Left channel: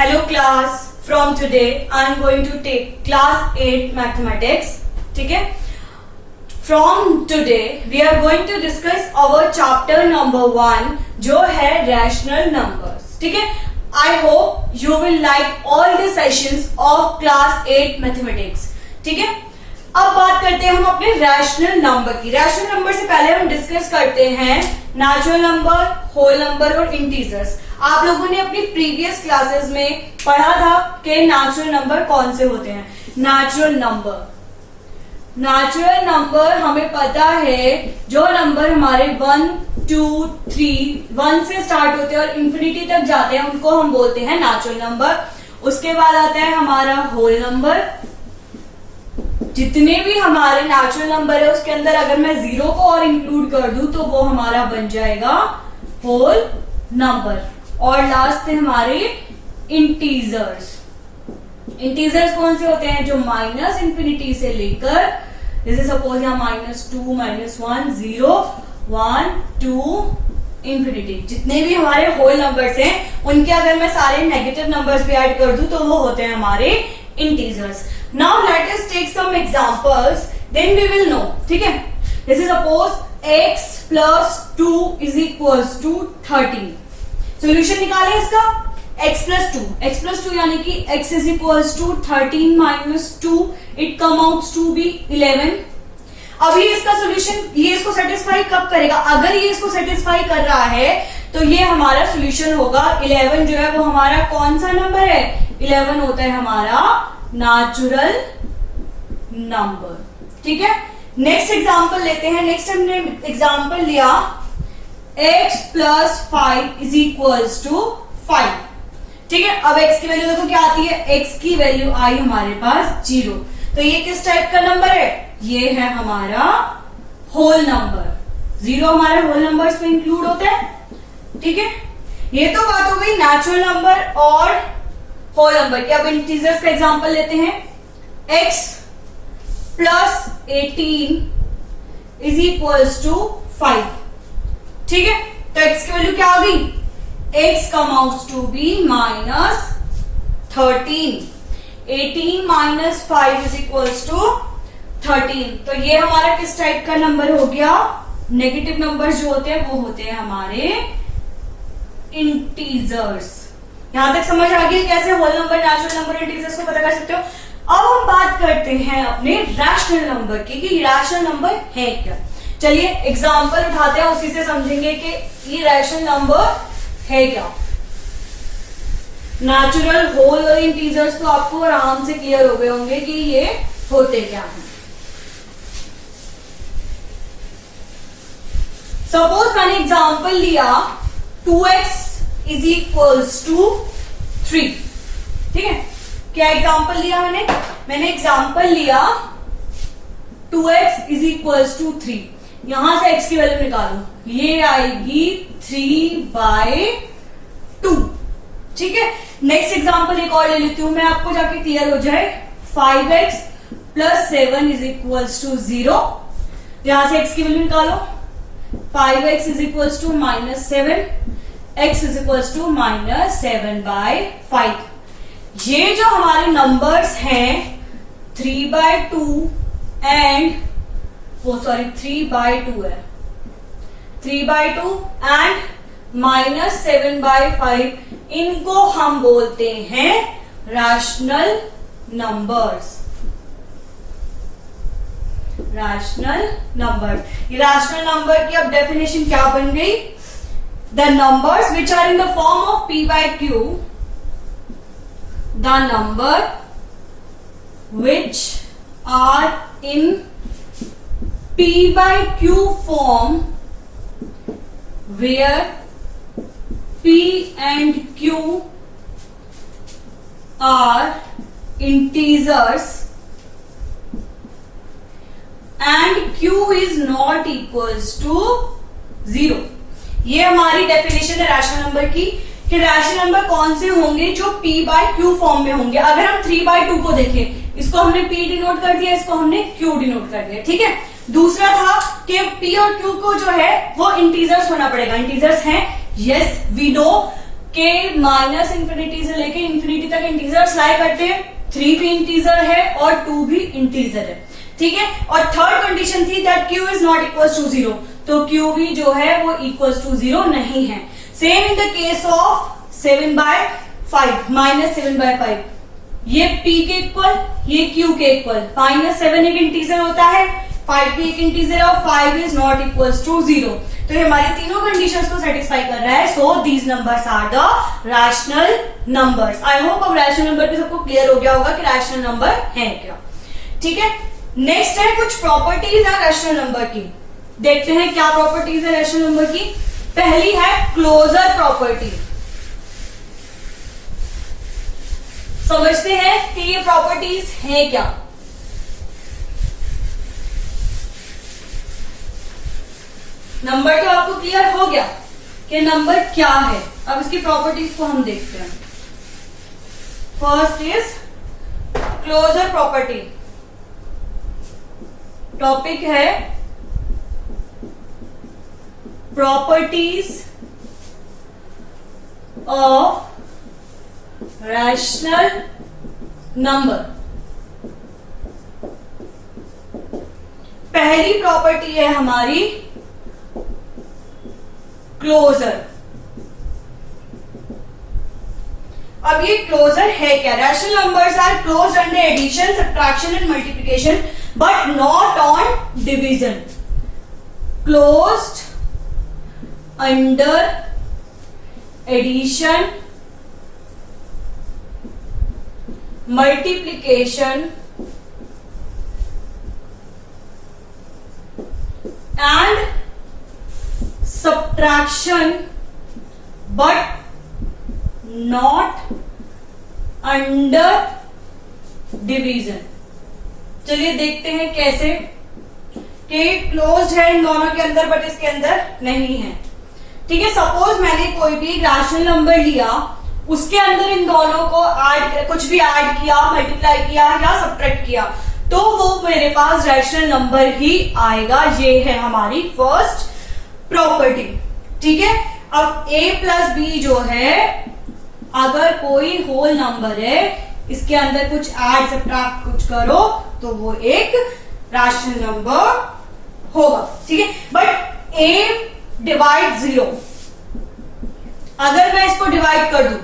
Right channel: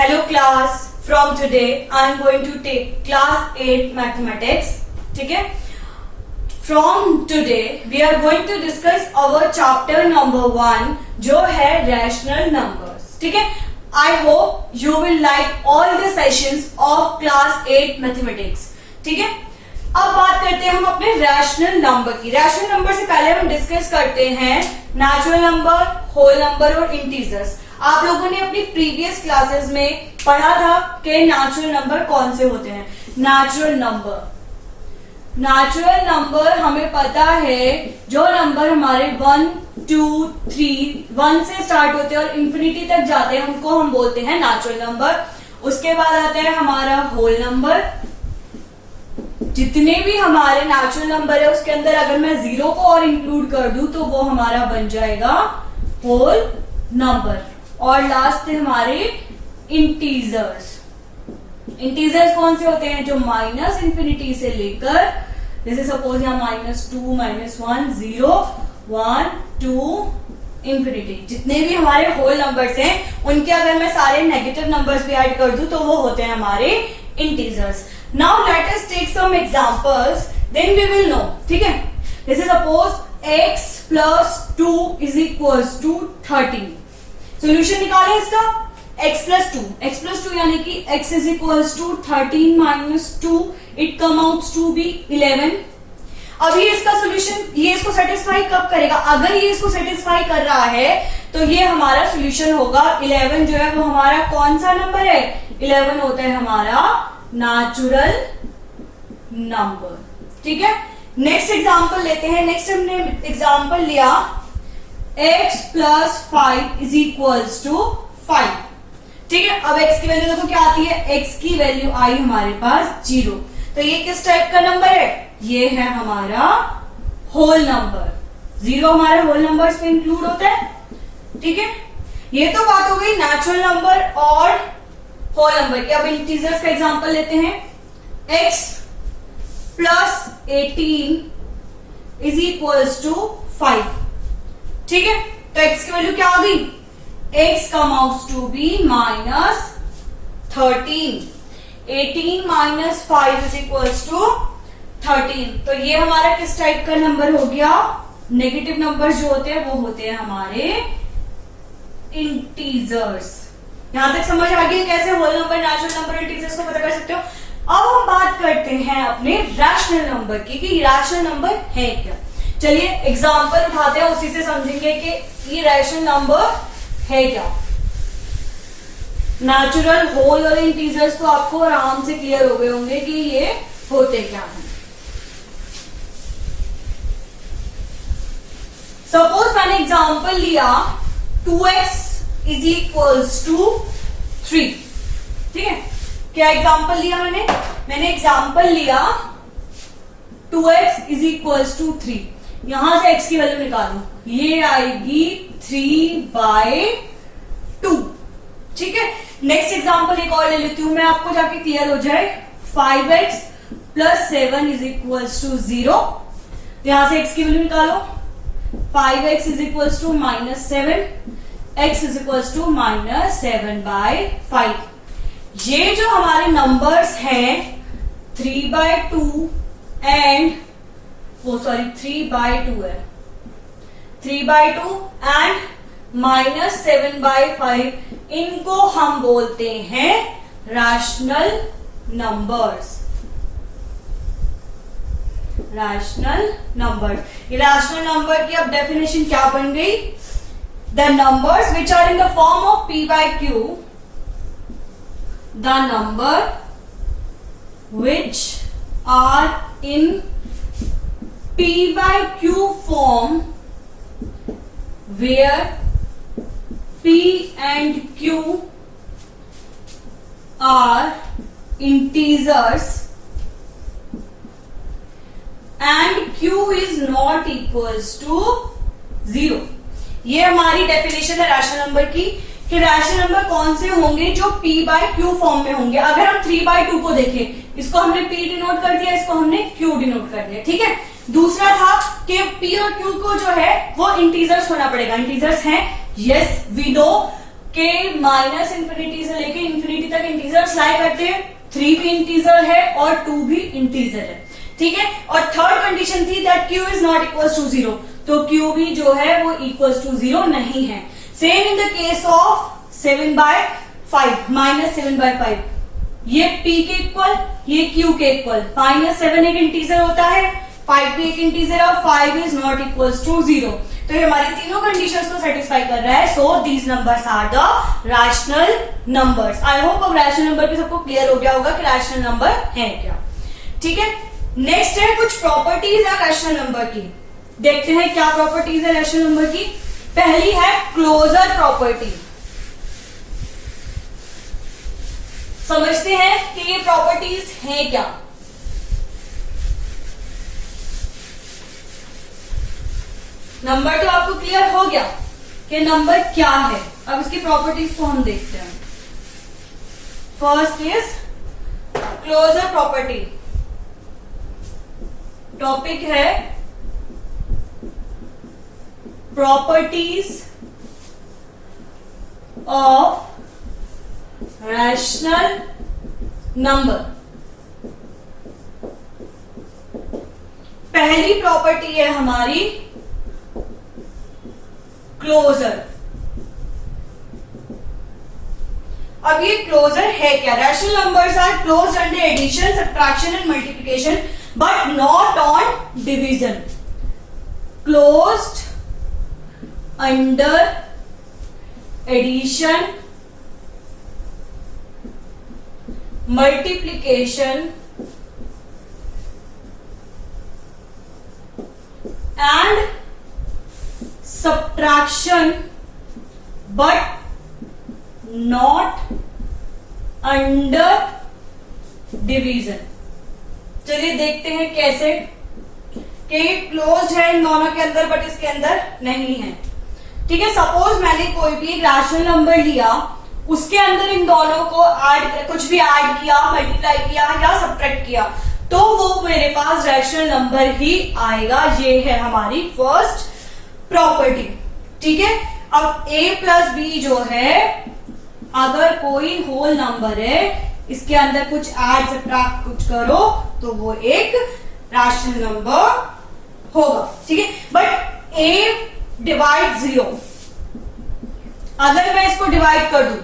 Hello class, from today I am going to take class 8 mathematics. ठीक है? From today we are going to discuss our chapter number 1 जो है rational numbers. ठीक है? I hope you will like all the sessions of class 8 mathematics. ठीक है? अब बात करते हैं हम अपने रैशनल नंबर की. रैशनल नंबर से पहले हम डिस्कस करते हैं नेचुरल नंबर, होल नंबर और इंटीजर्स. आप लोगों ने अपनी प्रीवियस क्लासेस में पढ़ा था कि नेचुरल नंबर कौन से होते हैं. नेचुरल नंबर हमें पता है जो नंबर हमारे 1, 2, 3 1 से स्टार्ट होते हैं और इंफिनिटी तक जाते हैं उनको हम बोलते हैं नेचुरल नंबर. उसके बाद आता है हमारा होल नंबर. जितने भी हमारे नेचुरल नंबर है उसके अंदर अगर मैं 0 को और इंक्लूड कर दूं तो वो हमारा बन जाएगा होल नंबर. और लास्ट है हमारे इंटीजर्स. इंटीजर्स कौन से होते हैं? जो माइनस इंफिनिटी से लेकर जैसे सपोज यहाँ -2, -1, 0, 1, 2 इंफिनिटी जितने भी हमारे होल नंबर्स हैं उनके अगर मैं सारे नेगेटिव नंबर्स पे ऐड कर दूं तो वो होते हैं हमारे integers. Now let us take some examples, then we will know. ठीक है? जैसे suppose x plus 2 is equals to 13. Solution निकालें इसका. x plus 2 यानी कि x is equals to 13 minus 2. It comes out to be 11. अभी इसका सोल्यूशन ये इसको सेटिस्फाई कब करेगा? अगर ये इसको सेटिस्फाई कर रहा है तो ये हमारा सोल्यूशन होगा. 11 जो है वो हमारा कौन सा नंबर है? 11 होता है हमारा नेचुरल नंबर. ठीक है? नेक्स्ट एग्जांपल लेते हैं. नेक्स्ट हमने एग्जांपल लिया x plus 5 is equals to 5. ठीक है? अब x की वैल्यू देखो क्या आती है. x की वैल्यू आई हमारे पास 0. तो ये किस टाइप का नंबर है? ये है हमारा होल नंबर. 0 हमारे होल नंबर्स में इंक्लूड होता है. ठीक है? ये तो बात हो गई नेचुरल नंबर और होल नंबर की. अब इंटीजर्स का एग्जांपल लेते हैं. x plus 18 is equals to 5. ठीक है? तो x की वैल्यू क्या आ गई? x comes out to be -13. 18 minus 5 is equals to 13. तो ये हमारा किस टाइप का नंबर हो गया? नेगेटिव नंबर जो होते हैं वो होते हैं हमारे इंटीजर्स. यहां तक समझ आ गई कैसे whole number, natural number, integers को पता कर सकते हो. अब हम बात करते हैं अपने रैशनल नंबर की कि रैशनल नंबर है क्या. चलिए एग्जांपल उठाते हैं, उसी से समझेंगे कि ये रैशनल नंबर है क्या. नेचुरल, होल और इंटीजर्स तो आपको आराम से क्लियर हो गए होंगे कि ये होते क्या हैं. सपोज मैंने एग्जांपल लिया 2x is equals to 3. ठीक है? क्या एग्जांपल लिया मैंने एग्जांपल लिया 2x is equals to 3. यहां से x की वैल्यू निकालो. ये आएगी 3/2. ठीक है? नेक्स्ट एग्जांपल एक और ले लेती हूं मैं, आपको जाके क्लियर हो जाए. 5x plus 7 is equals to 0. यहां से x की वैल्यू निकालो. 5x is equals to -7. x is equals to -7/5. ये जो हमारे नंबर्स हैं 3/2 एंड 3/2 है. 3/2 एंड -7/5 इनको हम बोलते हैं रैशनल नंबर्स. Rational number. ये रैशनल नंबर की अब डेफिनेशन क्या बन गई? The numbers which are in the form of p/q, the number which are in p/q form where p and q are integers and q is not equals to 0. ये हमारी definition है rational number की कि rational number कौन से होंगे जो p/q form में होंगे. अगर हम 3/2 को देखें, इसको हमने p डिनोट कर दिया, इसको हमने q डिनोट कर दिया. ठीक है? दूसरा था कि p और q को जो है वो इंटीजर्स होना पड़ेगा. इंटीजर्स हैं, यस वी नो. के माइनस इंफिनिटी से लेके इंफिनिटी तक इंटीजर्स लाई करते हैं, 3 भी इंटीजर है और 2 भी इंटीजर है, ठीक है। और थर्ड कंडीशन थी that q is not equal to 0, तो q भी जो है वो इक्वल टू 0 नहीं है। Same in the case of 7/5 minus 7/5, ये p के इक्वल, ये q के इक्वल। -7 एक इंटीजर होता है, 5 भी एक इंटीजर और 5 इज नॉट इक्वल टू 0, तो ये हमारी तीनों कंडीशंस को सेटिस्फाई कर रहा है। So these numbers are the rational numbers. I hope अब रैशनल नंबर पे सबको क्लियर हो गया होगा कि रैशनल नंबर है क्या, ठीक है। नेक्स्ट है कुछ प्रॉपर्टीज है रैशनल नंबर की। देखते हैं क्या प्रॉपर्टीज है रैशनल नंबर की। पहली है क्लोजर प्रॉपर्टी। समझते हैं कि ये प्रॉपर्टीज हैं क्या। नंबर तो आपको क्लियर हो गया कि नंबर क्या है। अब इसकी प्रॉपर्टीज को हम देखते हैं। First is closure property. Topic है प्रॉपर्टीज ऑफ रैशनल नंबर। पहली प्रॉपर्टी है हमारी क्लोजर। अब ये क्लोजर है क्या? Rational numbers are closed under addition, subtraction and multiplication but not on division. Closed under addition, multiplication and subtraction but not under division। चलिए देखते हैं कैसे कि क्लोज्ड है इन दोनों के अंदर बट इसके अंदर नहीं है, ठीक है। सपोज मैंने कोई भी रैशनल नंबर लिया, उसके अंदर इन दोनों को कुछ भी ऐड किया, मल्टीप्लाई किया या सब्ट्रैक्ट किया, तो वो मेरे पास रैशनल नंबर ही आएगा। ये है हमारी फर्स्ट प्रॉपर्टी, ठीक है। अब a प्लस बी जो है, अगर कोई होल नंबर है, इसके अंदर कुछ ऐड सब्ट्रैक्ट कुछ करो तो वो एक रैशनल नंबर होगा, ठीक है। बट a डिवाइड 0, अगर मैं इसको डिवाइड कर दूं,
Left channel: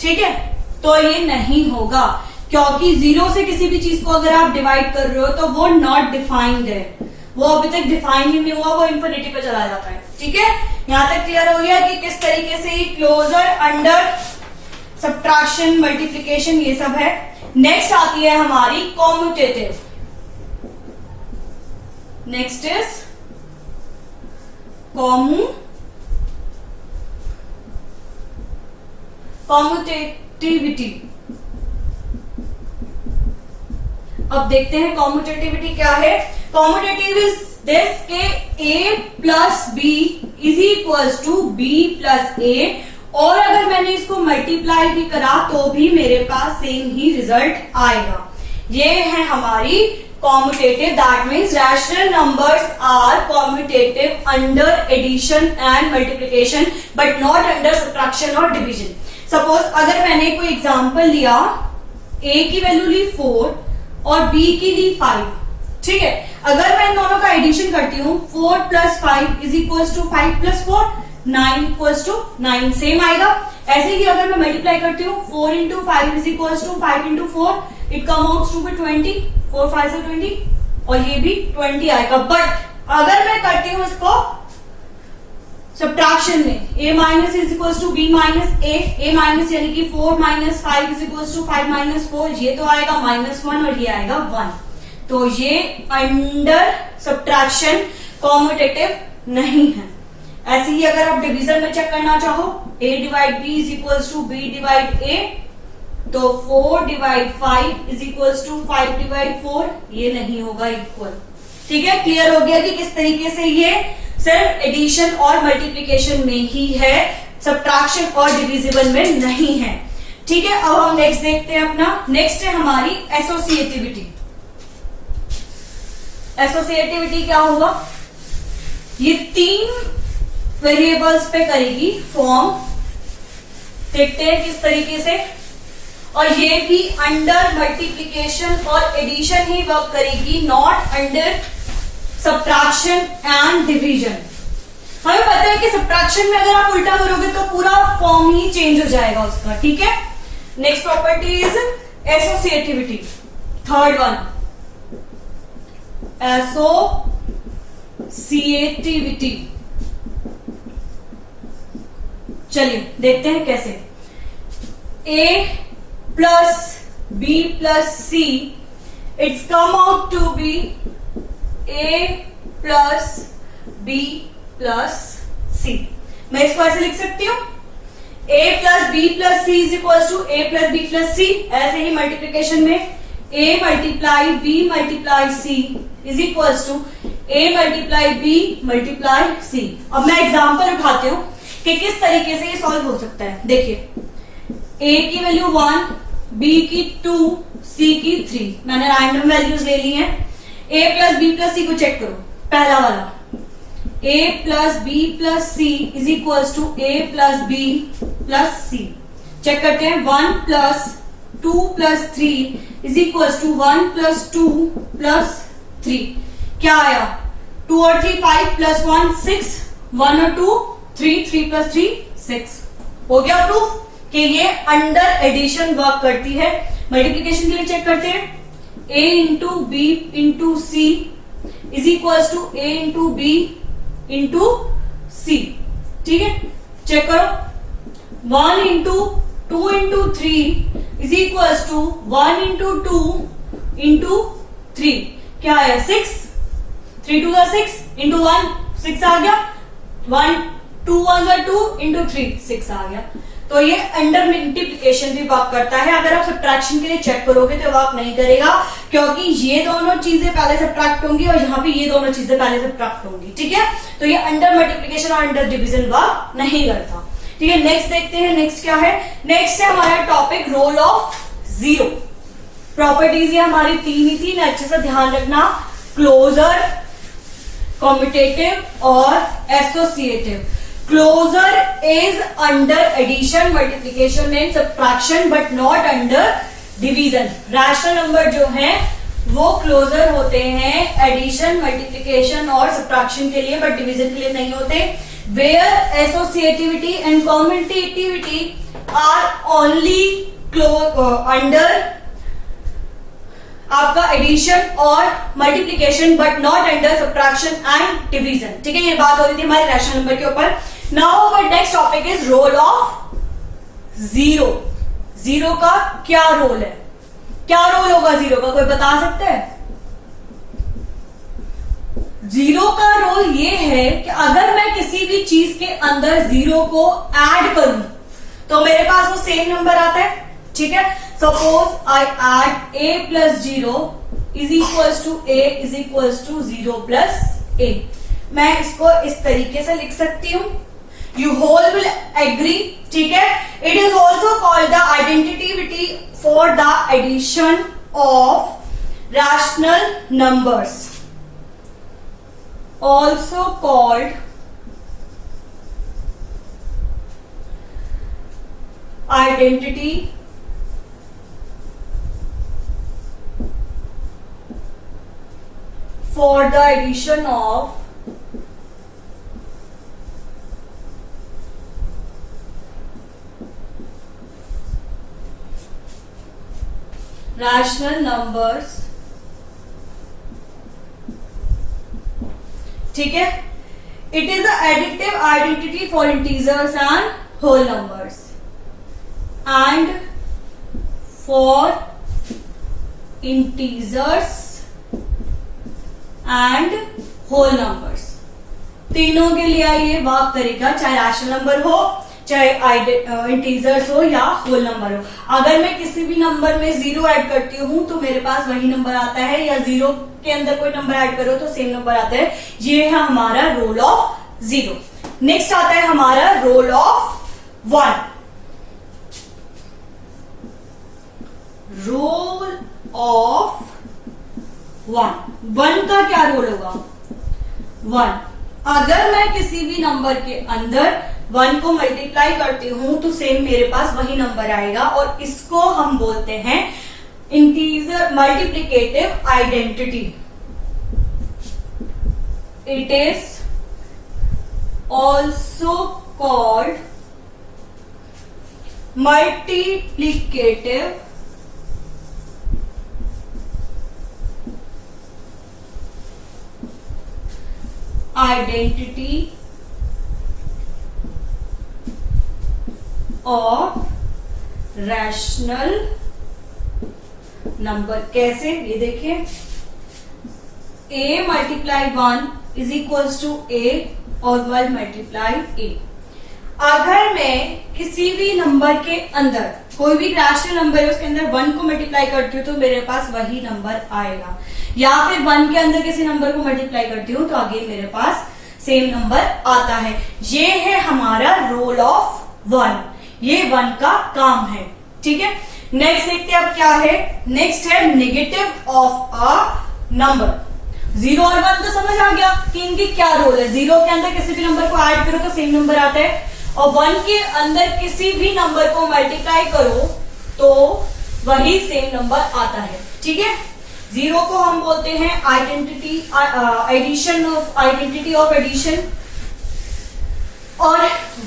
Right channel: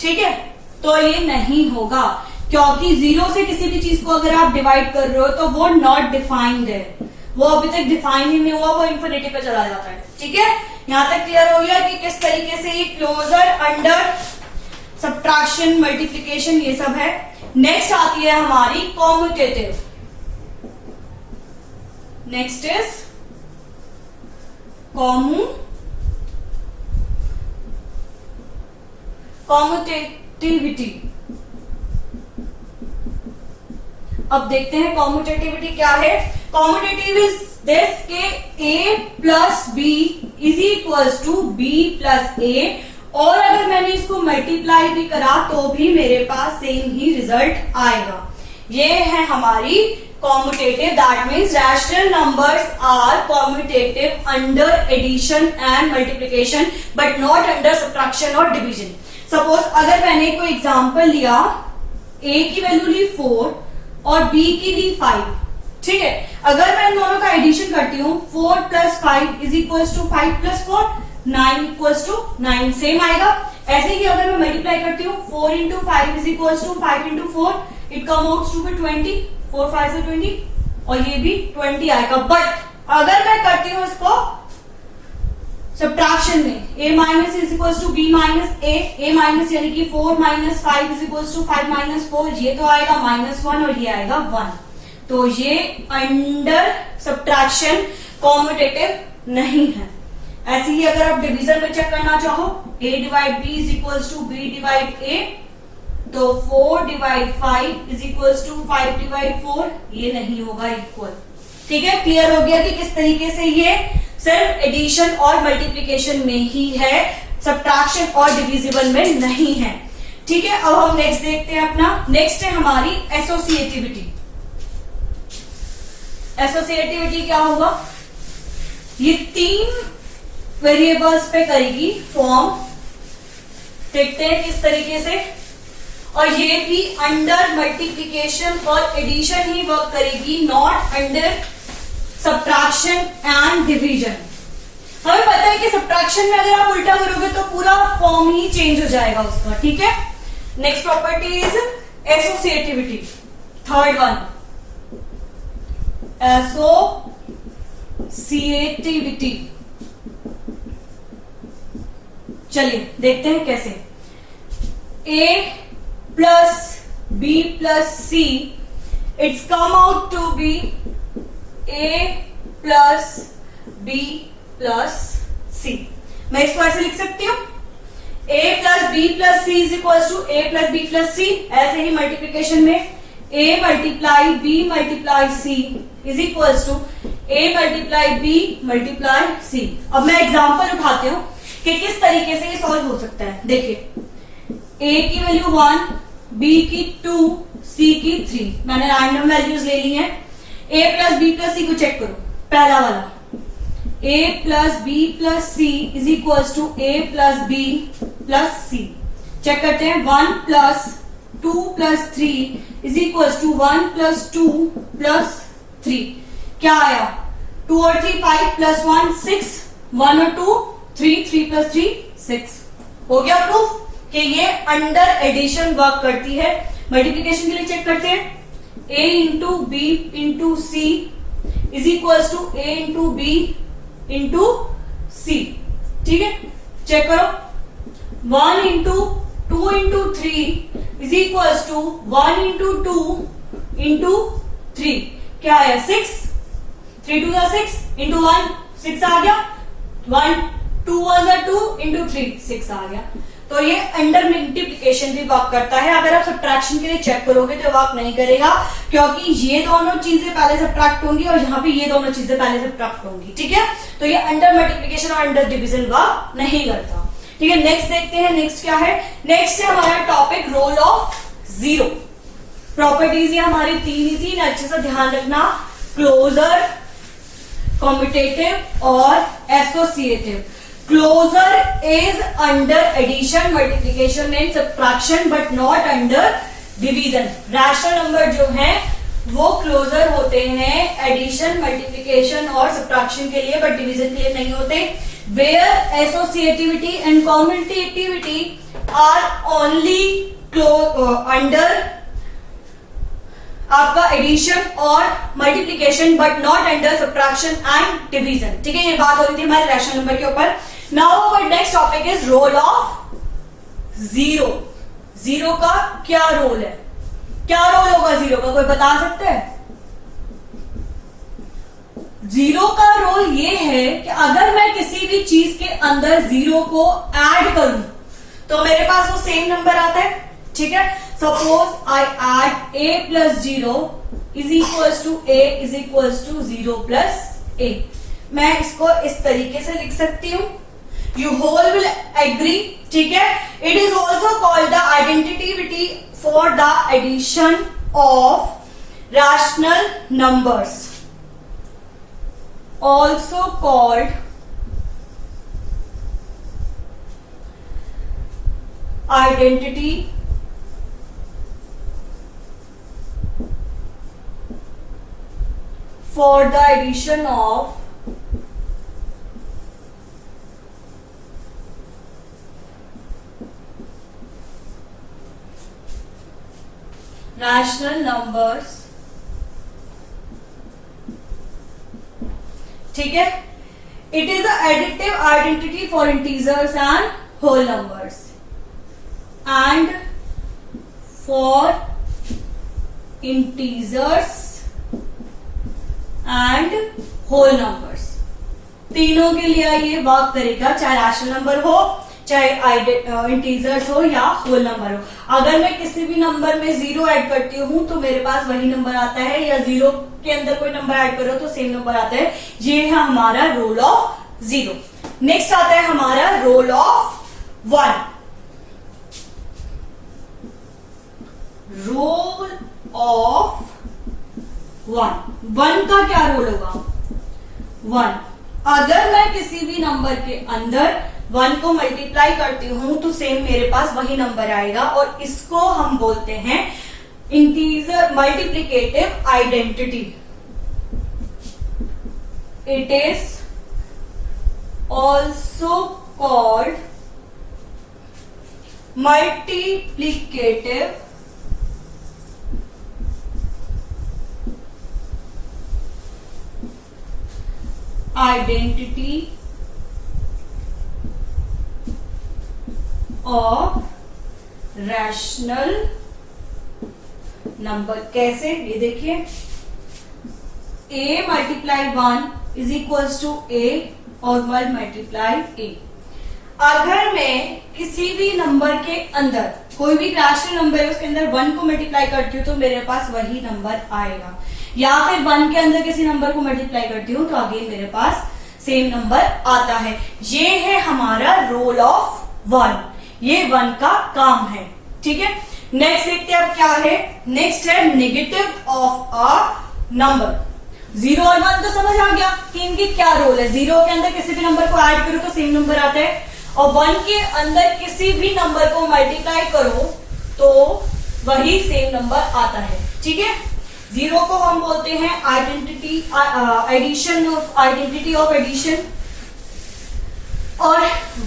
ठीक है, तो ये नहीं होगा, क्योंकि 0 से किसी भी चीज को अगर आप डिवाइड कर रहे हो तो वो नॉट डिफाइंड है, वो अभी तक डिफाइन ही नहीं हुआ, वो इंफिनिटी पे चला जाता है, ठीक है। यहां तक क्लियर हो गया कि किस तरीके से ये क्लोजर अंडर सब्ट्रैक्शन, मल्टीप्लिकेशन ये सब है। नेक्स्ट आती है हमारी कॉम्यूटेटिव। Next is कॉम्यूटेटिविटी। अब देखते हैं कॉम्यूटेटिविटी क्या है। कॉम्यूटेटिव इज दिस के a plus B is equals to B plus A, और अगर मैंने इसको मल्टीप्लाई भी करा तो भी मेरे पास सेम ही रिजल्ट आएगा। ये है हमारी commutative. That means rational numbers are commutative under addition and multiplication but not under subtraction और डिवीजन। सपोज अगर मैंने कोई एग्जांपल लिया, a की वैल्यू ली 4 और b की ली 5, ठीक है। अगर मैं इन दोनों का एडिशन करती हूँ, 4 plus 5 is equals to 5 plus 4, 9 equals to 9 same आएगा। ऐसे ही अगर मैं मल्टीप्लाई करती हूँ, 4 into 5 is equals to 5 into 4, it come out to 20, 4 5 से 20, और ये भी 20 आएगा। बट अगर मैं करती हूँ इसको सब्ट्रैक्शन में, a minus is equals to b minus a minus यानी कि 4 minus 5 is equals to 5 minus 4, ये तो आएगा -1 और ये आएगा 1, तो ये अंडर सब्ट्रैक्शन कॉम्यूटेटिव नहीं है। ऐसे ही अगर आप डिवीजन में चेक करना चाहो, a divide b is equals to b divide a, तो 4 divide 5 is equals to 5 divide 4, ये नहीं होगा इक्वल, ठीक है। क्लियर हो गया कि किस तरीके से ये सिर्फ एडिशन और मल्टीप्लिकेशन में ही है, सब्ट्रैक्शन और डिविजिबल में नहीं है, ठीक है। अब हम नेक्स्ट देखते हैं अपना। नेक्स्ट है हमारी एसोसिएटिविटी। एसोसिएटिविटी क्या होगा? ये 3 वेरिएबल्स पे करेगी फॉर्म, देखते हैं किस तरीके से। और ये भी अंडर मल्टीप्लीकेशन और एडिशन ही वर्क करेगी, not under subtraction and division. हमें पता है कि सब्ट्रैक्शन में अगर आप उल्टा करोगे तो पूरा फॉर्म ही चेंज हो जाएगा उसका, ठीक है। Next property is associativity, third one, associativity. चलिए देखते हैं कैसे। A plus B plus C, it's come out to be A plus B plus C। मैं इसको ऐसे लिख सकती हूँ, A plus B plus C is equal to A plus B plus C। ऐसे ही मल्टीप्लीकेशन में A multiply B multiply C is equal to A multiply B multiply C। अब मैं एग्जाम्पल उठाती हूँ कि किस तरीके से ये सॉल्व हो सकता है। देखिए, A की वैल्यू 1, B की 2, C की 3, मैंने रैंडम वैल्यूज ले ली हैं। A plus B plus C को चेक करो, पहला वाला A plus B plus C is equal to A plus B plus C। Check करते हैं, 1 plus 2 plus 3 is equal to 1 plus 2 plus 3। क्या आया, 2 और 3 5 प्लस 1 6, 1 और 2 3, 3 प्लस 3 6। हो गया प्रूफ कि ये अंडर एडिशन वर्क करती है। मल्टीप्लीकेशन के लिए चेक करते हैं, A into B into C is equal to A into B into C. ठीक है, चेक करो, 1 into 2 into 3 is equal to 1 into 2 into 3। क्या है, 6, 3 2 6 इंटू 1 6 आ गया, 1 2 1 2 इंटू 3 6 आ गया। तो ये अंडर मल्टीप्लीकेशन भी वर्क करता है। अगर आप सब्ट्रैक्शन के लिए चेक करोगे तो वर्क नहीं करेगा, क्योंकि ये दोनों चीजें पहले सब्ट्रैक्ट होंगी और यहाँ पे ये दोनों चीजें पहले सब्ट्रैक्ट होंगी। ठीक है, तो ये अंडर मल्टीप्लीकेशन और अंडर डिवीजन वर्क नहीं करता। ठीक है, नेक्स्ट देखते हैं। नेक्स्ट क्या है, नेक्स्ट है हमारा topic role of zero. Properties ये हमारी 3 ही थी, अच्छे से ध्यान रखना, क्लोजर, कॉम्पिटेटिव और associative. Closure is under addition, multiplication and subtraction but not under division. Rational number जो हैं वो closer होते हैं addition, multiplication और subtraction के लिए, but division के लिए नहीं होते। Where associativity and commutativity are only under आपका एडिशन और multiplication but not under subtraction and division. ठीक है, ये बात हो रही थी हमारे रैशनल नंबर के ऊपर। Now our next topic is role of zero. Zero का क्या रोल है, क्या रोल होगा जीरो का, कोई बता सकते हैं? जीरो का रोल ये है कि अगर मैं किसी भी चीज के अंदर जीरो को ऐड करूं तो मेरे पास वो सेम नंबर आता है। ठीक है, suppose I add A plus 0 is equals to A is equals to 0 plus A। मैं इसको इस तरीके से लिख सकती हूं, यू होल विल एग्री। ठीक है, it is also called the identity for the addition of rational numbers, also called identity for the addition of rational numbers। ठीक है, it is a additive identity for integers and whole numbers and for integers and whole numbers, तीनों के लिए ये work करेगा, चाहे rational number हो, चाहे इंटीजर्स हो या होल नंबर हो। अगर मैं किसी भी नंबर में 0 ऐड करती हूं तो मेरे पास वही नंबर आता है, या 0 के अंदर कोई नंबर ऐड करो तो सेम नंबर आता है। ये है हमारा रोल ऑफ जीरो। नेक्स्ट आता है हमारा रोल ऑफ 1। रोल ऑफ 1 का क्या रोल होगा? 1, अगर मैं किसी भी नंबर के अंदर 1 को मल्टीप्लाई करती हूं तो सेम मेरे पास वही नंबर आएगा, और इसको हम बोलते हैं integer multiplicative identity. It is also called multiplicative identity of rational number. कैसे, ये देखिए, a multiply 1 is equals to a और 1 मल्टीप्लाई a। अगर मैं किसी भी नंबर के अंदर, कोई भी रैशनल नंबर है उसके अंदर 1 को मल्टीप्लाई करती हूँ तो मेरे पास वही नंबर आएगा, या फिर 1 के अंदर किसी नंबर को मल्टीप्लाई करती हूँ तो आगे मेरे पास सेम नंबर आता है। ये है हमारा रोल ऑफ 1, ये 1 का काम है। ठीक है, नेक्स्ट देखते हैं अब क्या है। नेक्स्ट है नेगेटिव ऑफ अ नंबर। 0 और 1 तो समझ आ गया कि इनकी क्या रोल है। 0 के अंदर किसी भी नंबर को ऐड करो तो सेम नंबर आता है, और 1 के अंदर किसी भी नंबर को मल्टीप्लाई करो तो वही सेम नंबर आता है। ठीक है, 0 को हम बोलते हैं आइडेंटिटी ऑफ एडिशन, और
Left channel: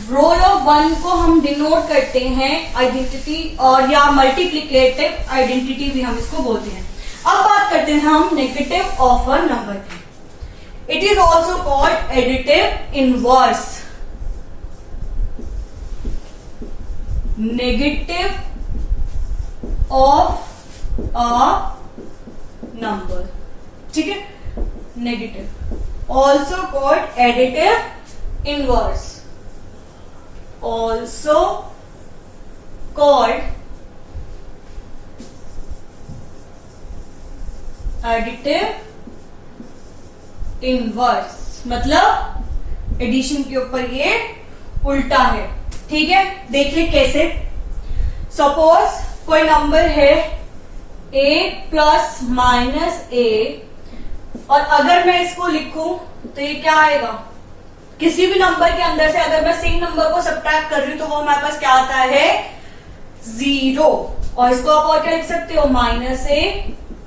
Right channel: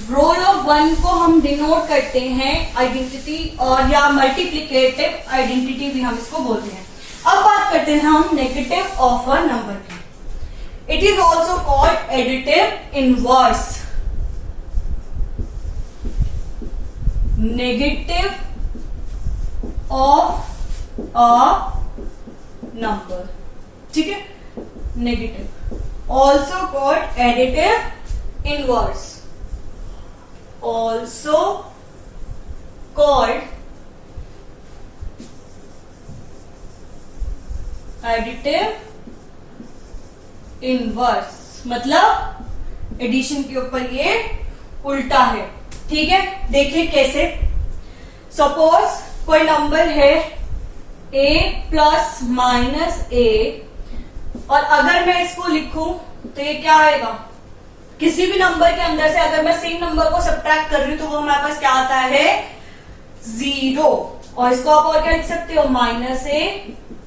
रोल ऑफ 1 को हम डिनोट करते हैं आइडेंटिटी और या मल्टीप्लिकेटिव आइडेंटिटी भी हम इसको बोलते हैं। अब बात करते हैं हम नेगेटिव ऑफ अ नंबर की। It is also called additive inverse. Negative of a number, ठीक है, negative also called additive inverse, also called additive inverse, मतलब एडिशन के ऊपर ये उल्टा है। ठीक है, देखिए कैसे। सपोज कोई नंबर है a प्लस माइनस a, और अगर मैं इसको लिखूं तो ये क्या आएगा, किसी भी नंबर के अंदर से अगर मैं सेम नंबर को सब्ट्रैक्ट कर रही हूं तो वो हमारे पास क्या आता है, 0। और इसको आप और क्या लिख सकते हो, माइनस a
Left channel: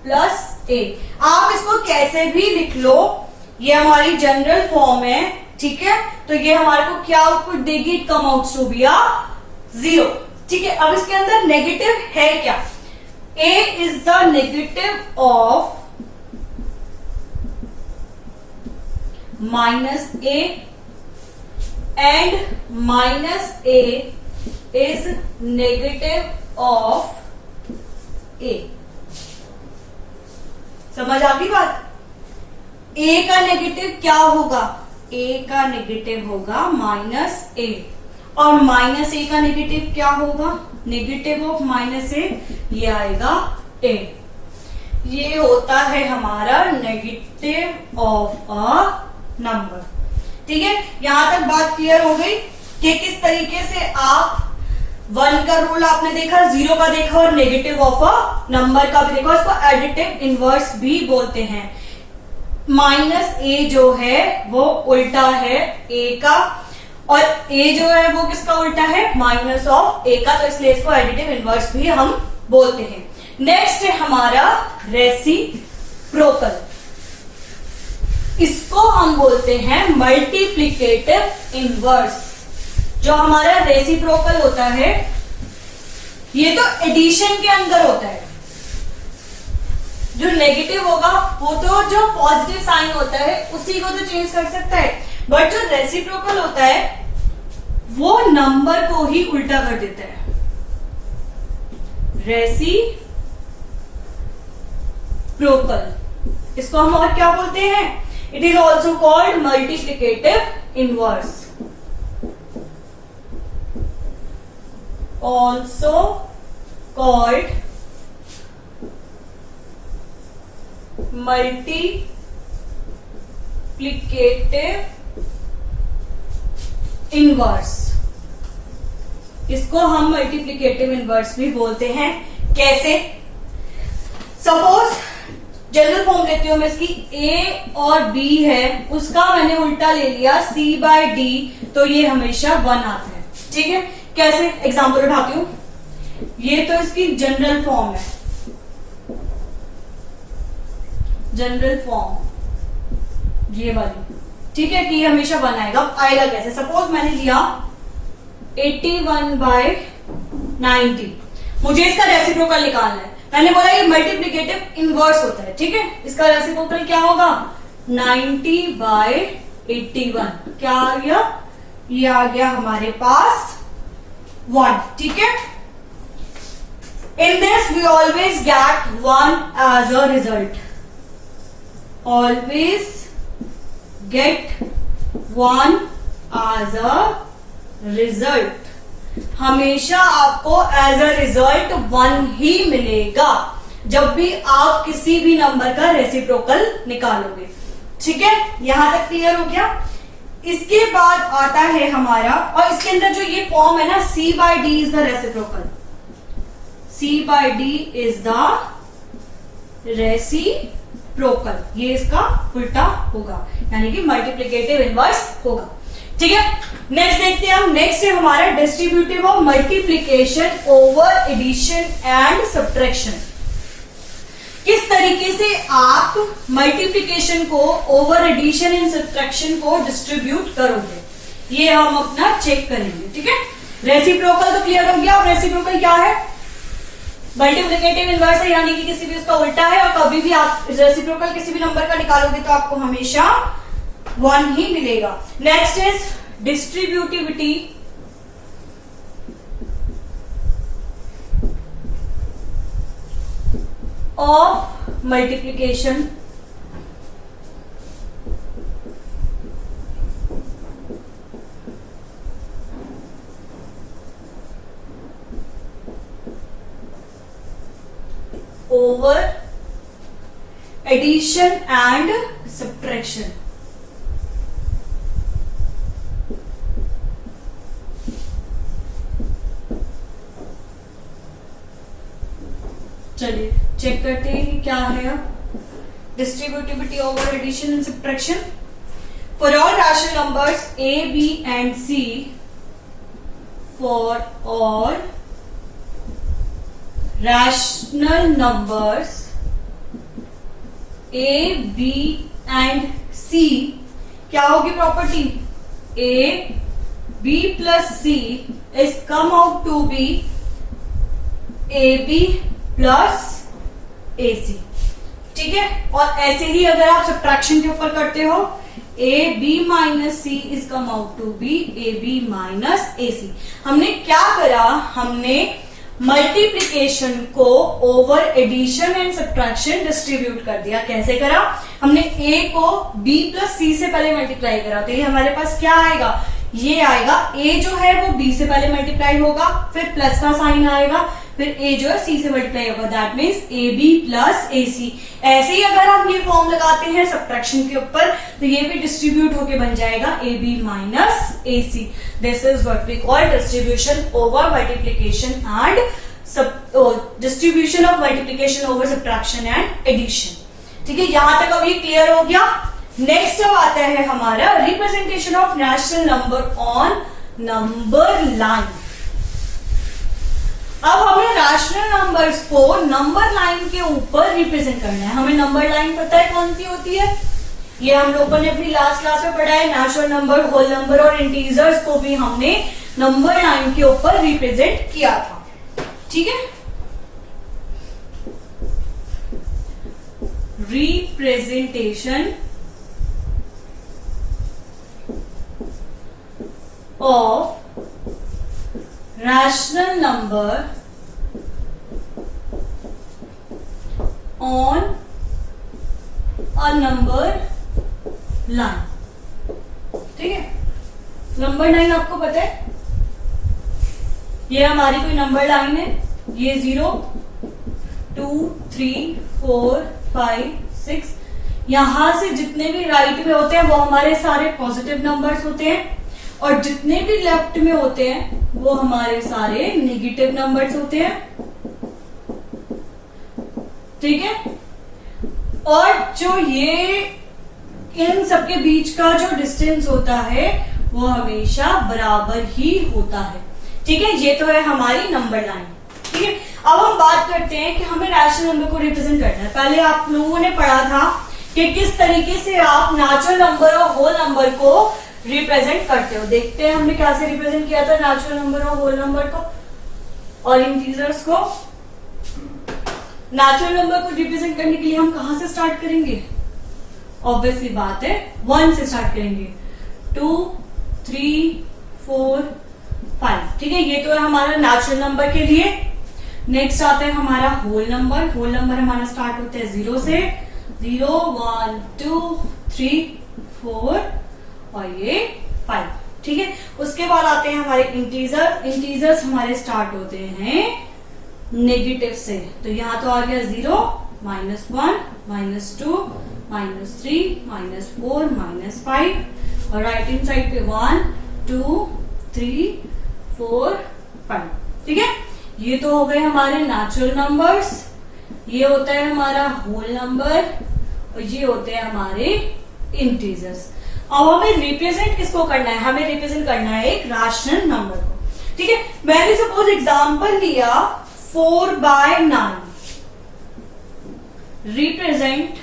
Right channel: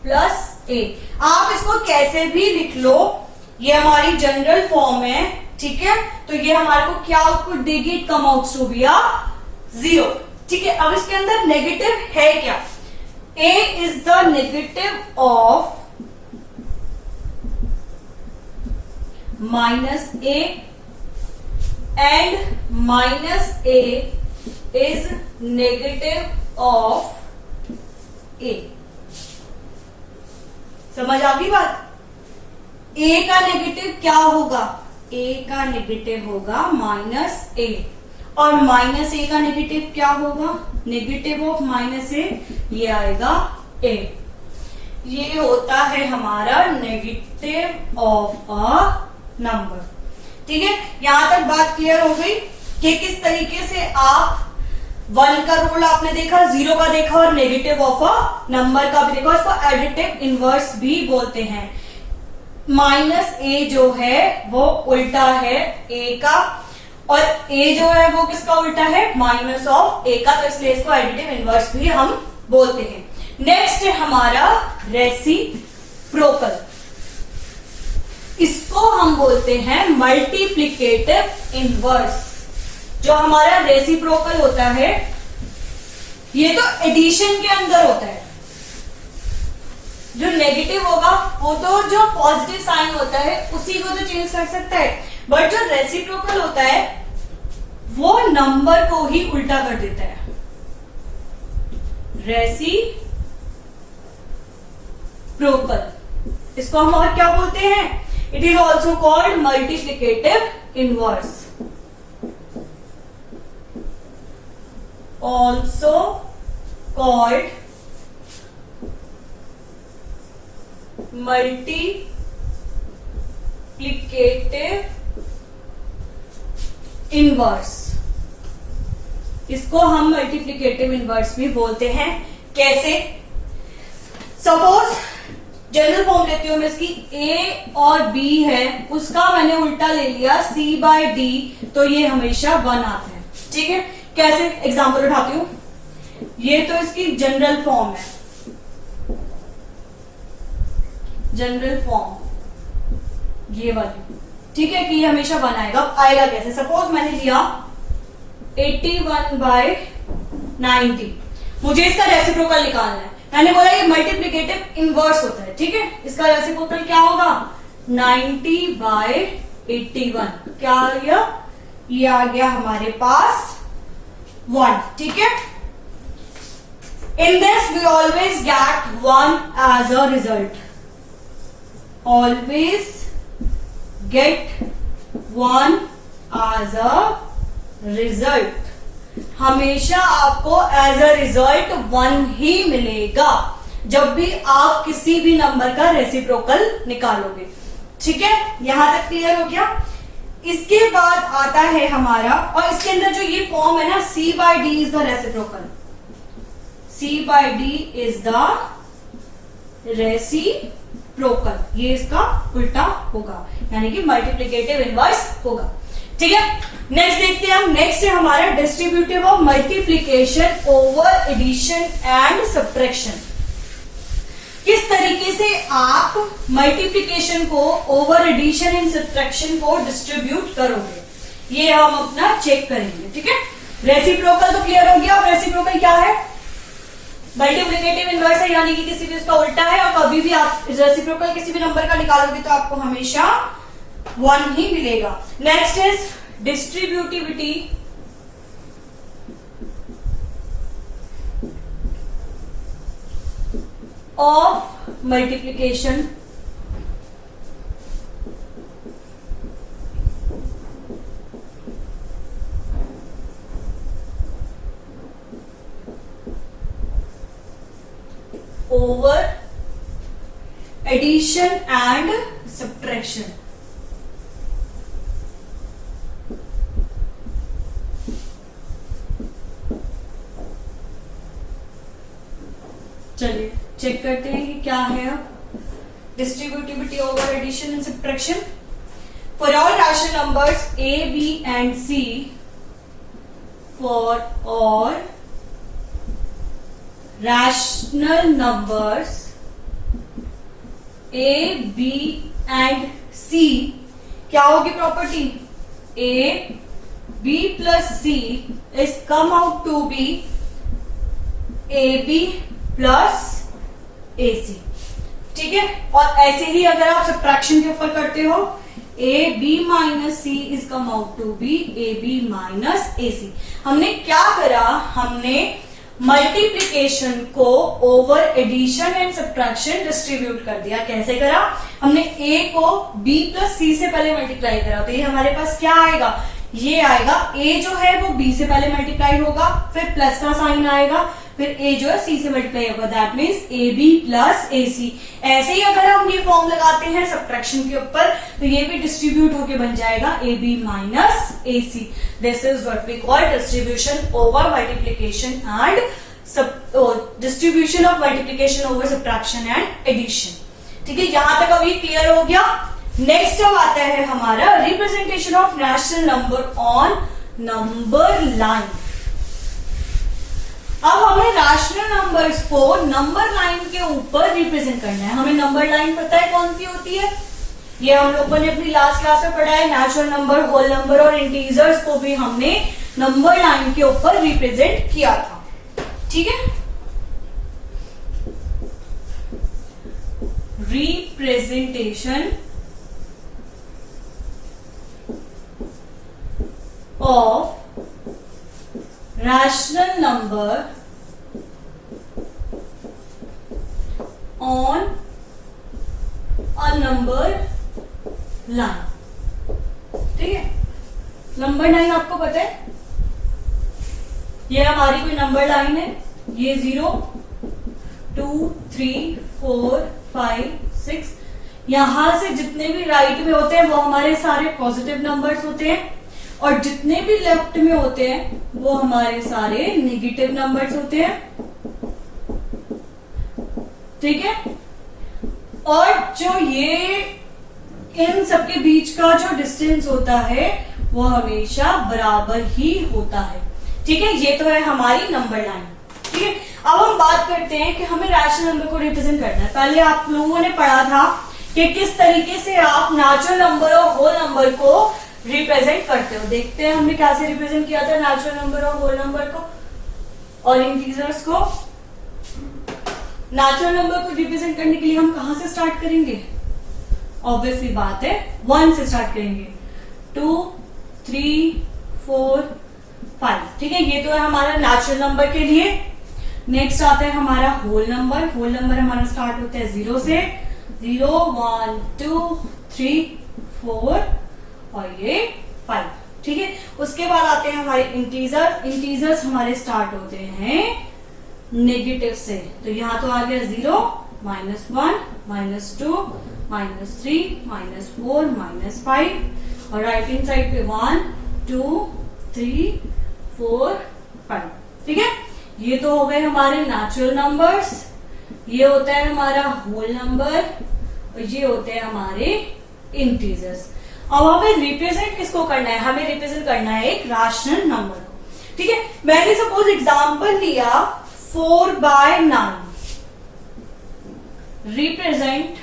प्लस a। आप इसको कैसे भी लिख लो, ये हमारी जनरल फॉर्म है। ठीक है, तो ये हमारे को क्या आउटपुट देगी, it come out to be 0। ठीक है, अब इसके अंदर नेगेटिव है क्या, a is the negative of minus a and minus a is negative of a। समझ आ गई बात। a का नेगेटिव क्या होगा, a का नेगेटिव होगा माइनस a, और माइनस a का नेगेटिव क्या होगा, नेगेटिव ऑफ माइनस a, ये आएगा a। ये होता है हमारा नेगेटिव ऑफ अ नंबर। ठीक है, यहां तक बात क्लियर हो गई कि किस तरीके से आप 1 का रूल आपने देखा, 0 का देखा, और नेगेटिव ऑफ अ नंबर का भी देखा। इसको एडिटिव इनवर्स भी बोलते हैं। माइनस a जो है वो उल्टा है a का, और a जो है वो किसका उल्टा है, माइनस ऑफ a का, तो इसलिए इसको एडिटिव इनवर्स भी हम बोलते हैं। नेक्स्ट है हमारा रेसिप्रोकल। इसको हम बोलते हैं मल्टीप्लिकेटिव इनवर्स। जो हमारा रेसिप्रोकल होता है ये तो एडिशन के अंदर होता है। जो नेगेटिव होगा वो तो जो पॉजिटिव साइन होता है उसी को तो चेंज कर सकता है, बट जो रेसिप्रोकल होता है वो नंबर को ही उल्टा कर देता है। रेसिप्रोकल, इसको हम और क्या बोलते हैं, it is also called multiplicative inverse, also called multiplicative inverse. इसको हम मल्टीप्लिकेटिव इनवर्स भी बोलते हैं। कैसे, सपोज जनरल फॉर्म लेती हूं मैं इसकी, a और b है उसका मैंने उल्टा ले लिया c/d, तो ये हमेशा 1 आता है। ठीक है, कैसे एग्जांपल उठाती हूं, ये तो इसकी जनरल फॉर्म है, जनरल फॉर्म ये वाली। ठीक है कि ये हमेशा 1 आएगा। आएगा कैसे, सपोज मैंने लिया 81/90, मुझे इसका रेसिप्रोकल निकालना है। मैंने बोला ये मल्टीप्लिकेटिव इनवर्स होता है। ठीक है, इसका रेसिप्रोकल क्या होगा, 90/81, क्या आ गया, ये आ गया हमारे पास 1। ठीक है, in this we always get 1 as a result, always get 1 as a result, हमेशा आपको एज अ रिजल्ट 1 ही मिलेगा जब भी आप किसी भी नंबर का रेसिप्रोकल निकालोगे। ठीक है, यहां तक क्लियर हो गया। इसके बाद आता है हमारा, और इसके अंदर जो ये फॉर्म है ना, c/d is the reciprocal, c/d is the reciprocal, ये इसका उल्टा होगा, यानी कि मल्टीप्लिकेटिव इनवर्स होगा। ठीक है, नेक्स्ट देखते हैं हम। नेक्स्ट है हमारा distributive of multiplication over addition and subtraction. किस तरीके से आप मल्टीप्लिकेशन को ओवर एडिशन एंड सब्ट्रैक्शन को डिस्ट्रीब्यूट करोगे, ये हम अपना चेक करेंगे। ठीक है, रेसिप्रोकल तो क्लियर हो गया। और रेसिप्रोकल क्या है, मल्टीप्लिकेटिव इनवर्स है, यानी कि किसी भी उसका उल्टा है, और कभी भी आप रेसिप्रोकल किसी भी नंबर का निकालोगे तो आपको हमेशा 1 ही मिलेगा। Next is distributivity of multiplication over addition and subtraction. चलिए चेक करते हैं कि क्या है अब distributivity over addition and subtraction. For all rational numbers a, b and c, for all rational numbers a, b and c, क्या होगी property, a, b plus c is come out to be ab plus AC। ठीक है, और ऐसे ही अगर आप subtraction के ऊपर करते हो, AB minus C is come out to be AB minus AC। हमने क्या करा, हमने मल्टीप्लिकेशन को over addition and subtraction distribute कर दिया। कैसे करा, हमने A को B प्लस C से पहले मल्टीप्लाई करा, तो ये हमारे पास क्या आएगा, ये आएगा A जो है वो B से पहले मल्टीप्लाई होगा, फिर प्लस का साइन आएगा, फिर A जो है C से मल्टीप्लाई होगा, that means AB plus AC। ऐसे ही अगर हम ये फॉर्म लगाते हैं सब्ट्रैक्शन के ऊपर, तो ये भी डिस्ट्रीब्यूट होके बन जाएगा AB minus AC। This is what we call distribution over multiplication and distribution of multiplication over subtraction and addition. ठीक है, यहां तक अभी क्लियर हो गया। नेक्स्ट अब आता है हमारा representation of rational number on number line. अब हमें रैशनल नंबर्स को नंबर लाइन के ऊपर रिप्रेजेंट करना है। हमें नंबर लाइन पता है कौन सी होती है, ये हम लोगों ने अपनी लास्ट क्लास में पढ़ा है। नेचुरल नंबर, होल नंबर और इंटीजर्स को भी हमने नंबर लाइन के ऊपर रिप्रेजेंट किया था। ठीक है, representation of rational number on a number line। ठीक है, नंबर लाइन आपको पता है, ये हमारी कोई नंबर लाइन है, ये 0 2 3 4 5 6, यहां से जितने भी राइट में होते हैं वो हमारे सारे पॉजिटिव नंबर्स होते हैं, और जितने भी लेफ्ट में होते हैं वो हमारे सारे नेगेटिव नंबर्स होते हैं। ठीक है, और जो ये इन सबके बीच का जो डिस्टेंस होता है वो हमेशा बराबर ही होता है। ठीक है, ये तो है हमारी नंबर लाइन। ठीक है, अब हम बात करते हैं कि हमें रैशनल नंबर को रिप्रेजेंट करना है। पहले आप लोगों ने पढ़ा था कि किस तरीके से आप नेचुरल नंबर और होल नंबर को रिप्रेजेंट करते हो। देखते हैं हमने कैसे रिप्रेजेंट किया था नेचुरल नंबर और होल नंबर को और इंटीजर्स को। नेचुरल नंबर को रिप्रेजेंट करने के लिए हम कहां से स्टार्ट करेंगे? ऑब्वियसली बात है 1 से स्टार्ट करेंगे। 2, 3, 4, 5। ठीक है, ये तो है हमारा नेचुरल नंबर के लिए। नेक्स्ट आता है हमारा होल नंबर। होल नंबर हमारा स्टार्ट होता है 0 से। 0, 1, 2, 3, 4 और ये 5। ठीक है, उसके बाद आते हैं हमारे इंटीजर। इंटीजर्स हमारे स्टार्ट होते हैं नेगेटिव से। तो यहां तो आ गया 0, -1, -2, -3, -4, -5 और राइट हैंड साइड पे 1, 2, 3, 4, 5। ठीक है, ये तो हो गए हमारे नेचुरल नंबर्स। ये होता है हमारा होल नंबर और ये होते हैं हमारे इंटीजर्स। अब हमें रिप्रेजेंट किसको करना है? हमें रिप्रेजेंट करना है एक रैशनल नंबर को। ठीक है, मैंने सपोज एग्जांपल लिया 4/9। Represent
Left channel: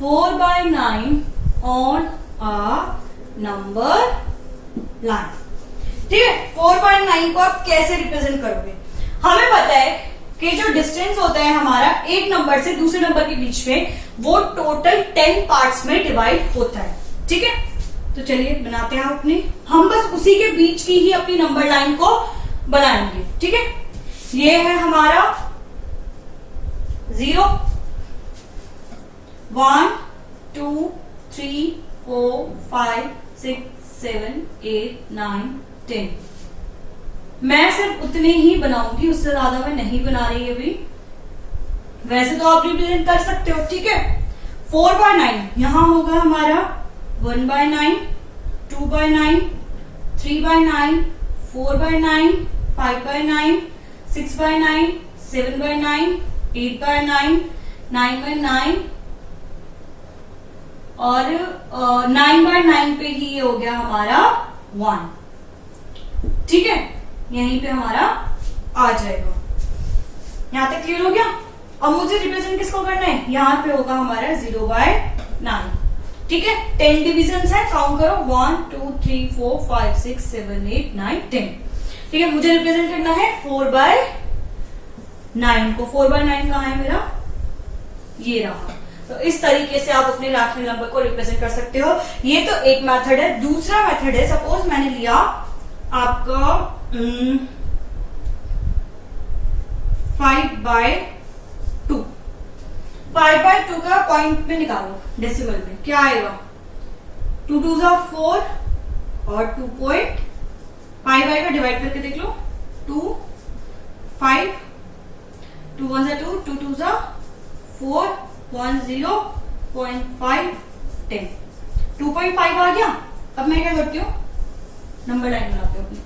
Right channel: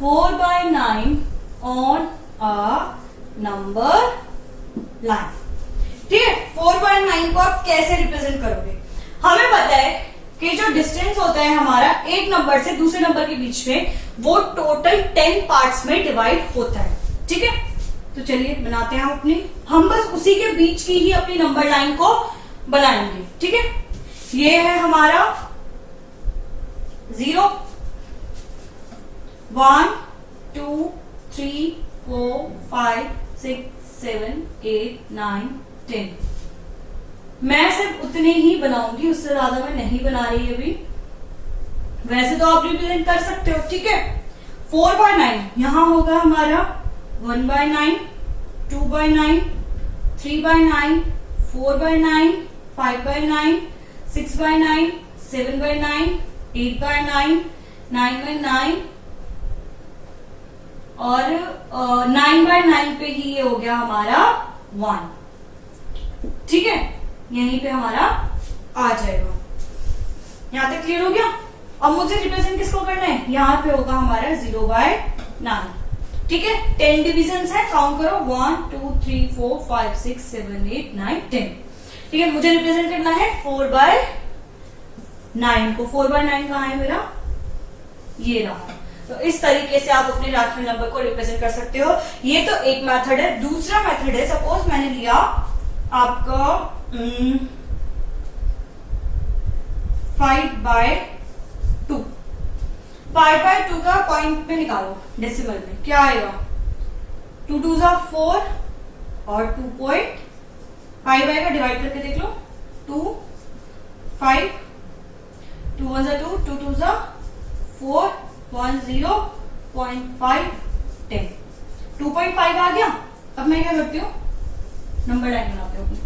4/9 on a number line. ठीक है, 4/9 को आप कैसे रिप्रेजेंट करोगे? हमें पता है कि जो डिस्टेंस होता है हमारा एक नंबर से दूसरे नंबर के बीच में, वो टोटल 10 पार्ट्स में डिवाइड होता है। ठीक है, तो चलिए बनाते हैं हम बस उसी के बीच की ही अपनी नंबर लाइन को बनाएंगे। ठीक है, ये है हमारा 0, 1, 2, 3, 4, 5, 6, 7, 8, 9, 10। मैं सिर्फ उतने ही बनाऊंगी, उससे ज्यादा मैं नहीं बना रही अभी। वैसे तो आप रिप्रेजेंट कर सकते हो। ठीक है, 4/9 यहां होगा हमारा 1/9, 2/9, 3/9, 4/9, 5/9, 6/9, 7/9, 8/9, 9/9 और 9/9 पे ही ये हो गया हमारा 1। ठीक है, यहीं पे हमारा आ जाएगा। यहां तक क्लियर हो गया? अब मुझे रिप्रेजेंट किसको करना है? यहां पे होगा हमारा 0/9। ठीक है, 10 डिविजन है, काउंट करो 1, 2, 3, 4, 5, 6, 7, 8, 9, 10। ठीक है, मुझे रिप्रेजेंट करना है 4/9 को। 4/9 कहां है मेरा? ये रहा। तो इस तरीके से आप अपने रैशनल नंबर को रिप्रेजेंट कर सकते हो। ये तो एक मेथड है। दूसरा मेथड है, सपोज मैंने लिया आपका 5/2। 5/2 का पॉइंट में निकालो डेसिमल में, क्या आएगा? 2 2 4 और 2.5 आएगा। डिवाइड करके देख लो, 2, 5, 2 1 2, 2 2 4, 1 0.5, 10। 2.5 आ गया। अब मैं क्या करती हूँ? नंबर लाइन बनाते हो अपनी।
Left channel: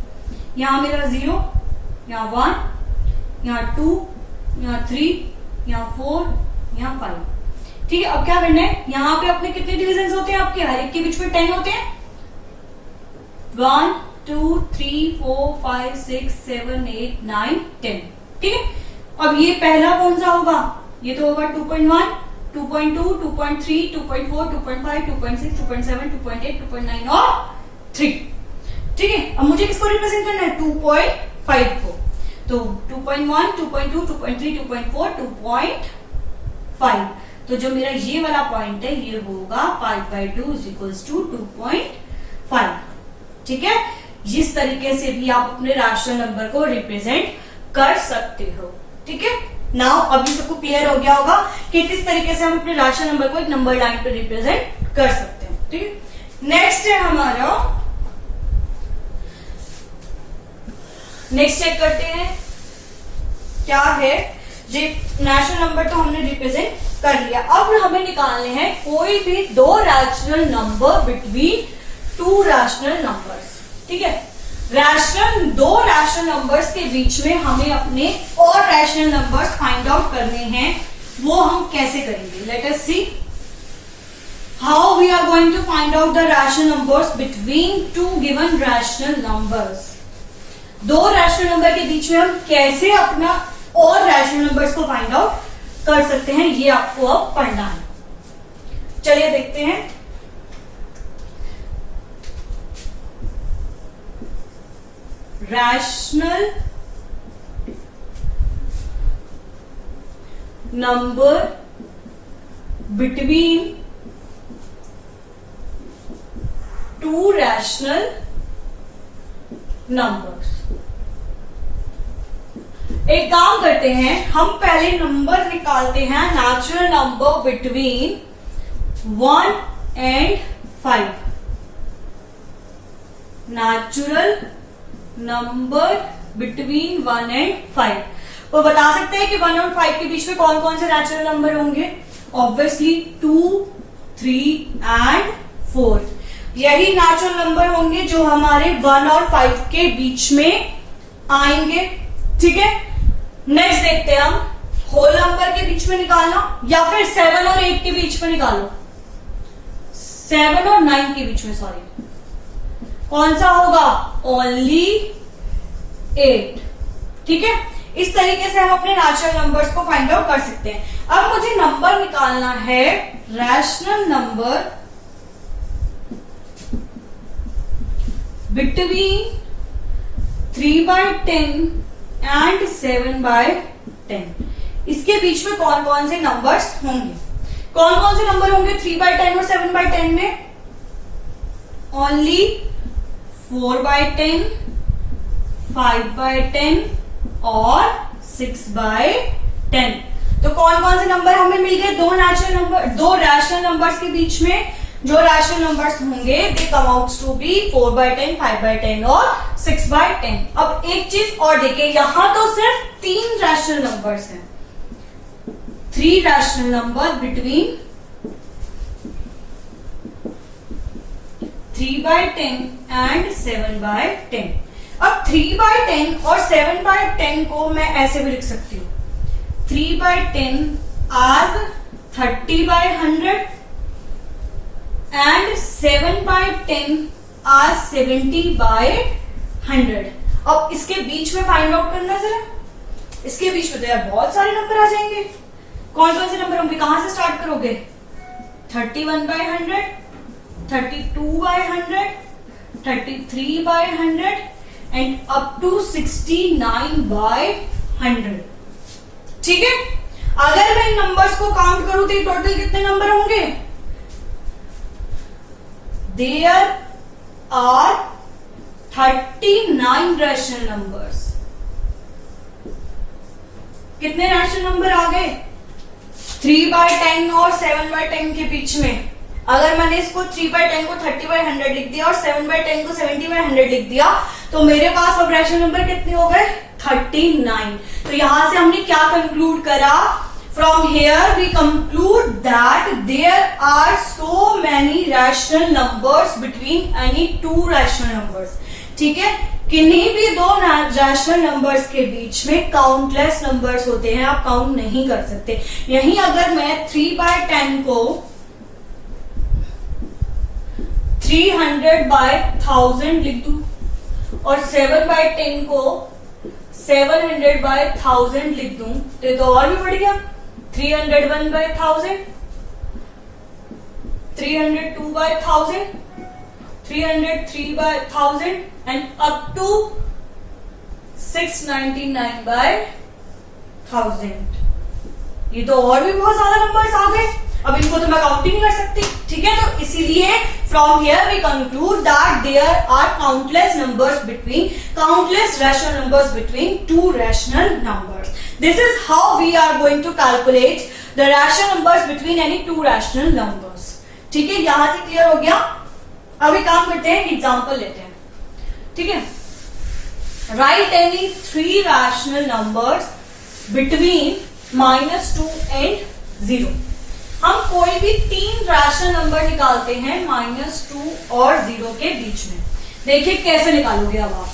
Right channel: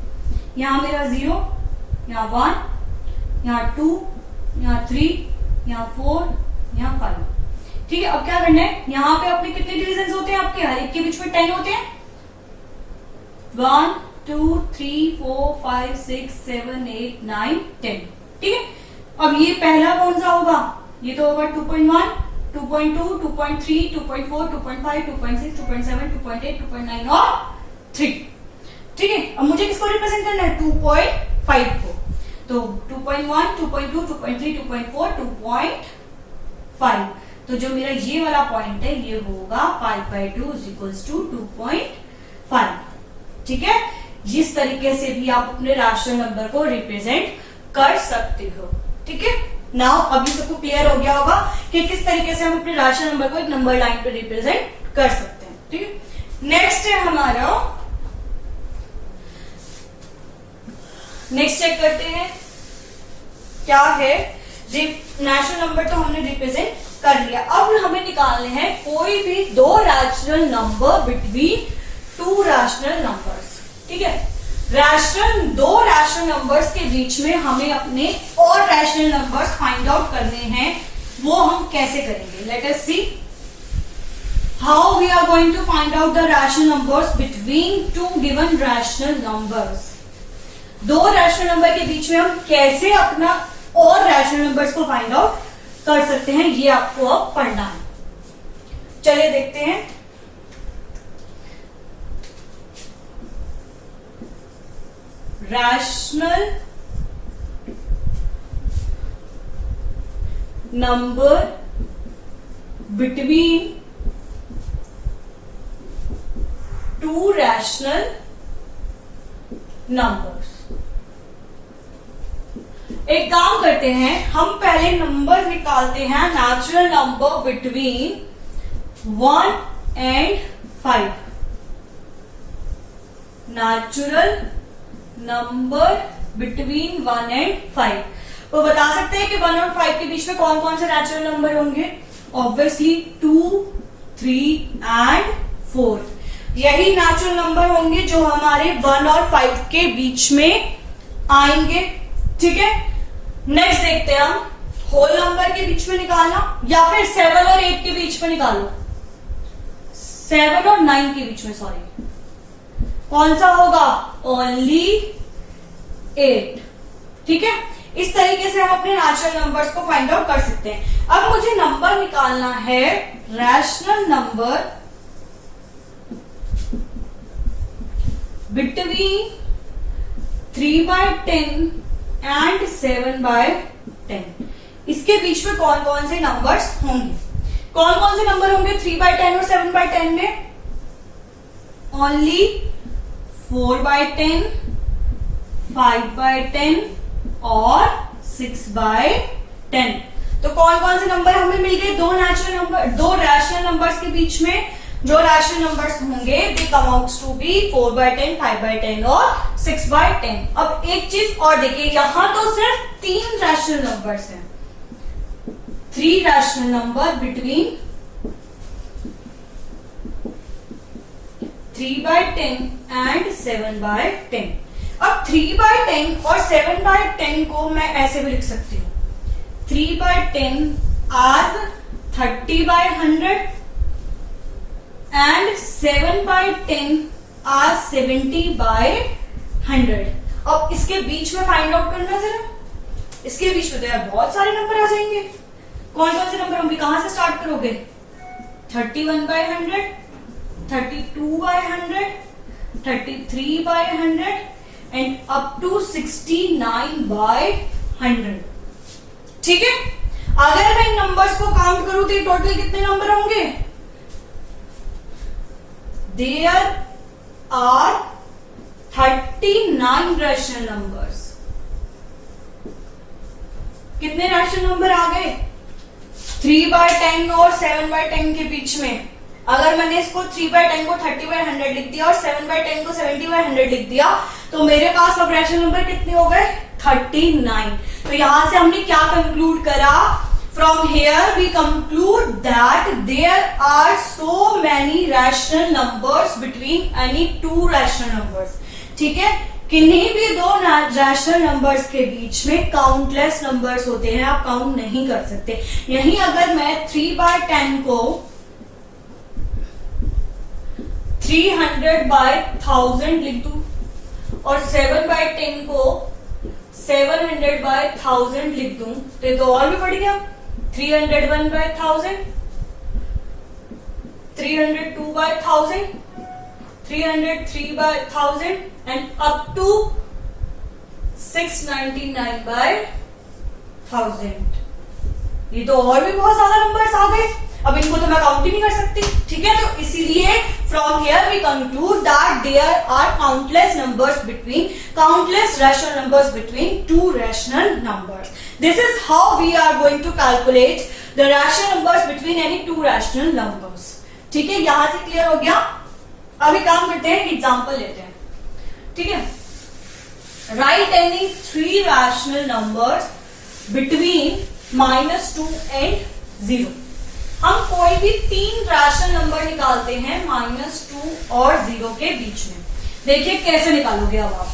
यहां मेरा 0, यहां 1, यहां 2, यहां 3, यहां 4, यहां 5। ठीक है, अब क्या करना है? यहां पे अपने कितने डिविजन होते हैं? आपके हर एक के बीच में 10 होते हैं। 1, 2, 3, 4, 5, 6, 7, 8, 9, 10। ठीक है, अब ये पहला कौन सा होगा? ये तो होगा 2.1, 2.2, 2.3, 2.4, 2.5, 2.6, 2.7, 2.8, 2.9 और 3। ठीक है, अब मुझे किसको रिप्रेजेंट करना है? 2.5 को। तो 2.1, 2.2, 2.3, 2.4, 2.5। तो जो मेरा ये वाला पॉइंट है ये होगा 5/2 = 2.5। ठीक है, इस तरीके से भी आप अपने रैशनल नंबर को रिप्रेजेंट कर सकते हो। ठीक है, नाउ अभी सबको क्लियर हो गया होगा कि किस तरीके से हम अपने रैशनल नंबर को एक नंबर लाइन पर रिप्रेजेंट कर सकते हैं। ठीक है, नेक्स्ट है हमारा, नेक्स्ट चेक करते हैं क्या है। जी, नेचुरल नंबर तो हमने रिप्रेजेंट कर लिया। अब हमें निकालने हैं कोई भी दो rational number between two rational numbers. ठीक है, दो रैशनल नंबर्स के बीच में हमें अपने और रैशनल नंबर्स फाइंड आउट करने हैं वो हम कैसे करेंगे, let us see how we are going to find out the rational numbers between two given rational numbers. दो रैशनल नंबर के बीच में हम कैसे अपना और रैशनल नंबर्स को फाइंड आउट कर सकते हैं, ये आपको अब पढ़ना है। चलिए देखते हैं। Rational number between two rational numbers. एक काम करते हैं, हम पहले नंबर निकालते हैं natural number between 1 and 5। Natural number between 1 and 5। वो बता सकते हैं कि 1 और 5 के बीच में कौन कौन से नेचुरल नंबर होंगे? Obviously 2, 3 and 4। यही नेचुरल नंबर होंगे जो हमारे 1 और 5 के बीच में आएंगे। ठीक है, नेक्स्ट देखते हैं हम होल नंबर के बीच में निकालना या फिर 7 और 8 के बीच में निकालो। 7 और 9 के बीच में, सॉरी, कौन सा होगा? ओनली 8। ठीक है, इस तरीके से हम अपने रैशनल नंबर्स को फाइंड आउट कर सकते हैं। अब मुझे नंबर निकालना है रैशनल नंबर बिटवीन 3/10 एंड 7/10। इसके बीच में कौन कौन से नंबर्स होंगे? कौन कौन से नंबर होंगे 3/10 और 7/10 में? ओनली 4/10, 5/10 और 6/10। तो कौन कौन से नंबर हमें मिल गए? दो रैशनल नंबर्स के बीच में जो रैशनल नंबर्स होंगे दे कम आउट्स टू बी 4/10, 5/10 और 6/10। अब एक चीज और देखिए, यहां तो सिर्फ 3 रैशनल नंबर्स हैं। 3 रैशनल नंबर बिटवीन 3/10 एंड 7/10। अब 3/10 और 7/10 को मैं ऐसे भी लिख सकती हूं, 3/10 as 30/100 एंड 7/10 as 70/100। अब इसके बीच में फाइंड आउट करना जरा। इसके बीच में तो यार बहुत सारे नंबर आ जाएंगे। कौन कौन से नंबर होंगे? कहां से स्टार्ट करोगे? 31/100, 32/100, 33/100 एंड अप टू 69/100। ठीक है, अगर मैं इन नंबर्स को काउंट करूं तो टोटल कितने नंबर होंगे? There are 39 rational numbers. कितने रैशनल नंबर आ गए? 3/10 और 7/10 के बीच में। अगर मैंने इसको 3/10 को 30/100 लिख दिया और 7/10 को 70/100 लिख दिया तो मेरे पास अब रैशनल नंबर कितने हो गए? 39। तो यहां से हमने क्या कंक्लूड करा? From here we conclude that there are so many rational numbers between any two rational numbers। ठीक है, किन्हीं भी दो रैशनल नंबर्स के बीच में काउंटलेस नंबर्स होते हैं, आप काउंट नहीं कर सकते। यहीं अगर मैं 3/10 को 300/1000 लिख दूं और 7/10 को 700/1000 लिख दूं तो और भी बढ़ गया। 301/1000, 302/1000, 303/1000 एंड अप टू 699/1000। ये तो और भी बहुत ज्यादा नंबर्स आ गए। अब इनको तो मैं काउंट ही नहीं कर सकती। ठीक है, तो इसीलिए from here we conclude that there are countless rational numbers between two rational numbers. This is how we are going to calculate the rational numbers between any two rational numbers। ठीक है, यहां से क्लियर हो गया। अभी काम करते हैं, एग्जांपल लेते हैं। ठीक है, right any 3 rational numbers between -2 and 0। हम कोई भी 3 रैशनल नंबर निकालते हैं -2 और 0 के बीच में। देखिए कैसे निकालोगे। अब आप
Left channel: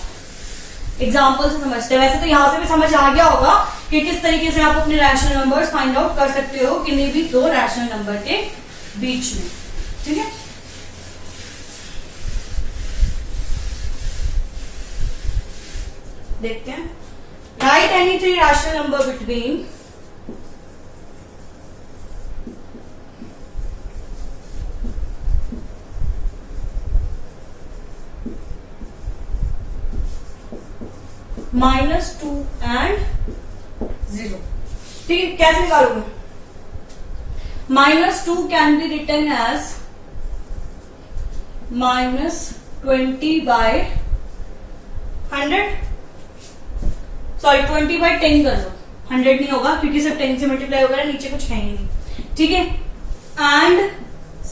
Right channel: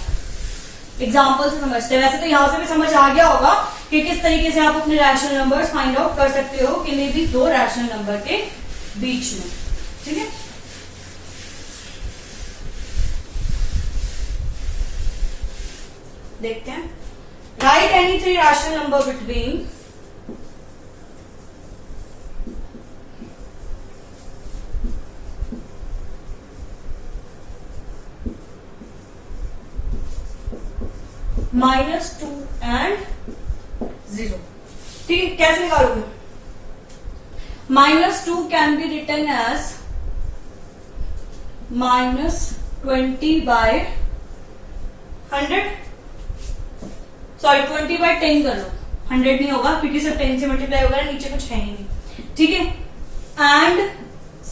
एग्जाम्पल से समझते हैं। वैसे तो यहां से भी समझ आ गया होगा कि किस तरीके से आप अपने रैशनल नंबर्स फाइंड आउट कर सकते हो किन्हीं भी दो रैशनल नंबर के बीच में। ठीक है, देखते हैं। Write any three rational number between -2 and 0। ठीक है, कैसे निकालोगे? -2 can be written as -20/100, sorry 20/10 कर लो, 100 नहीं होगा क्योंकि सब 10 से मल्टीप्लाई होगा, नीचे कुछ है ही नहीं। ठीक है, एंड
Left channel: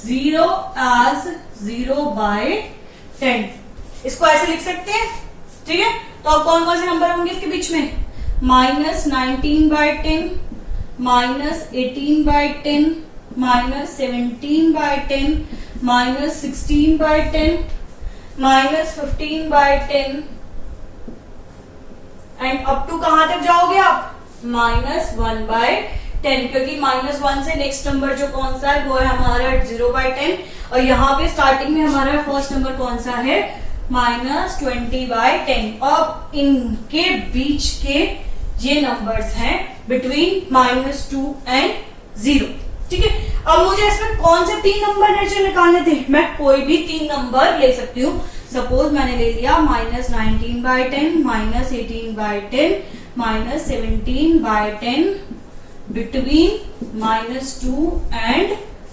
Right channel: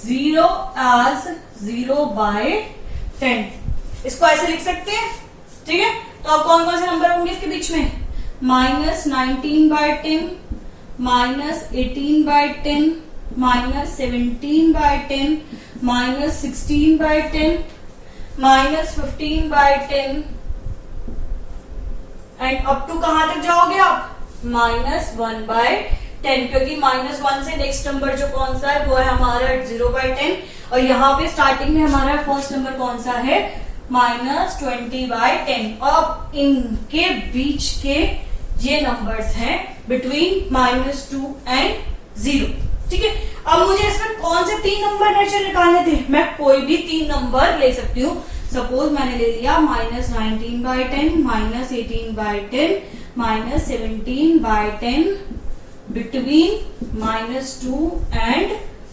0 एज 0/10, इसको ऐसे लिख सकते हैं। ठीक है, तो अब कौन कौन से नंबर होंगे इसके बीच में? -19/10, -18/10, -17/10, -16/10, -15/10 एंड अप टू कहां तक जाओगे आप? -1/10, क्योंकि -1 से नेक्स्ट नंबर जो कौन सा है वो है हमारा 0/10, और यहाँ पे स्टार्टिंग में हमारा फर्स्ट नंबर कौन सा है? -20/10। अब इनके बीच के ये नंबर्स हैं बिटवीन -2 एंड 0। ठीक है, अब मुझे इसमें कौन से 3 नंबर निकालने थे? मैं कोई भी 3 नंबर ले सकती हूँ। सपोज मैंने ले लिया -19/10, -18/10, -17/10 बिटवीन -2 एंड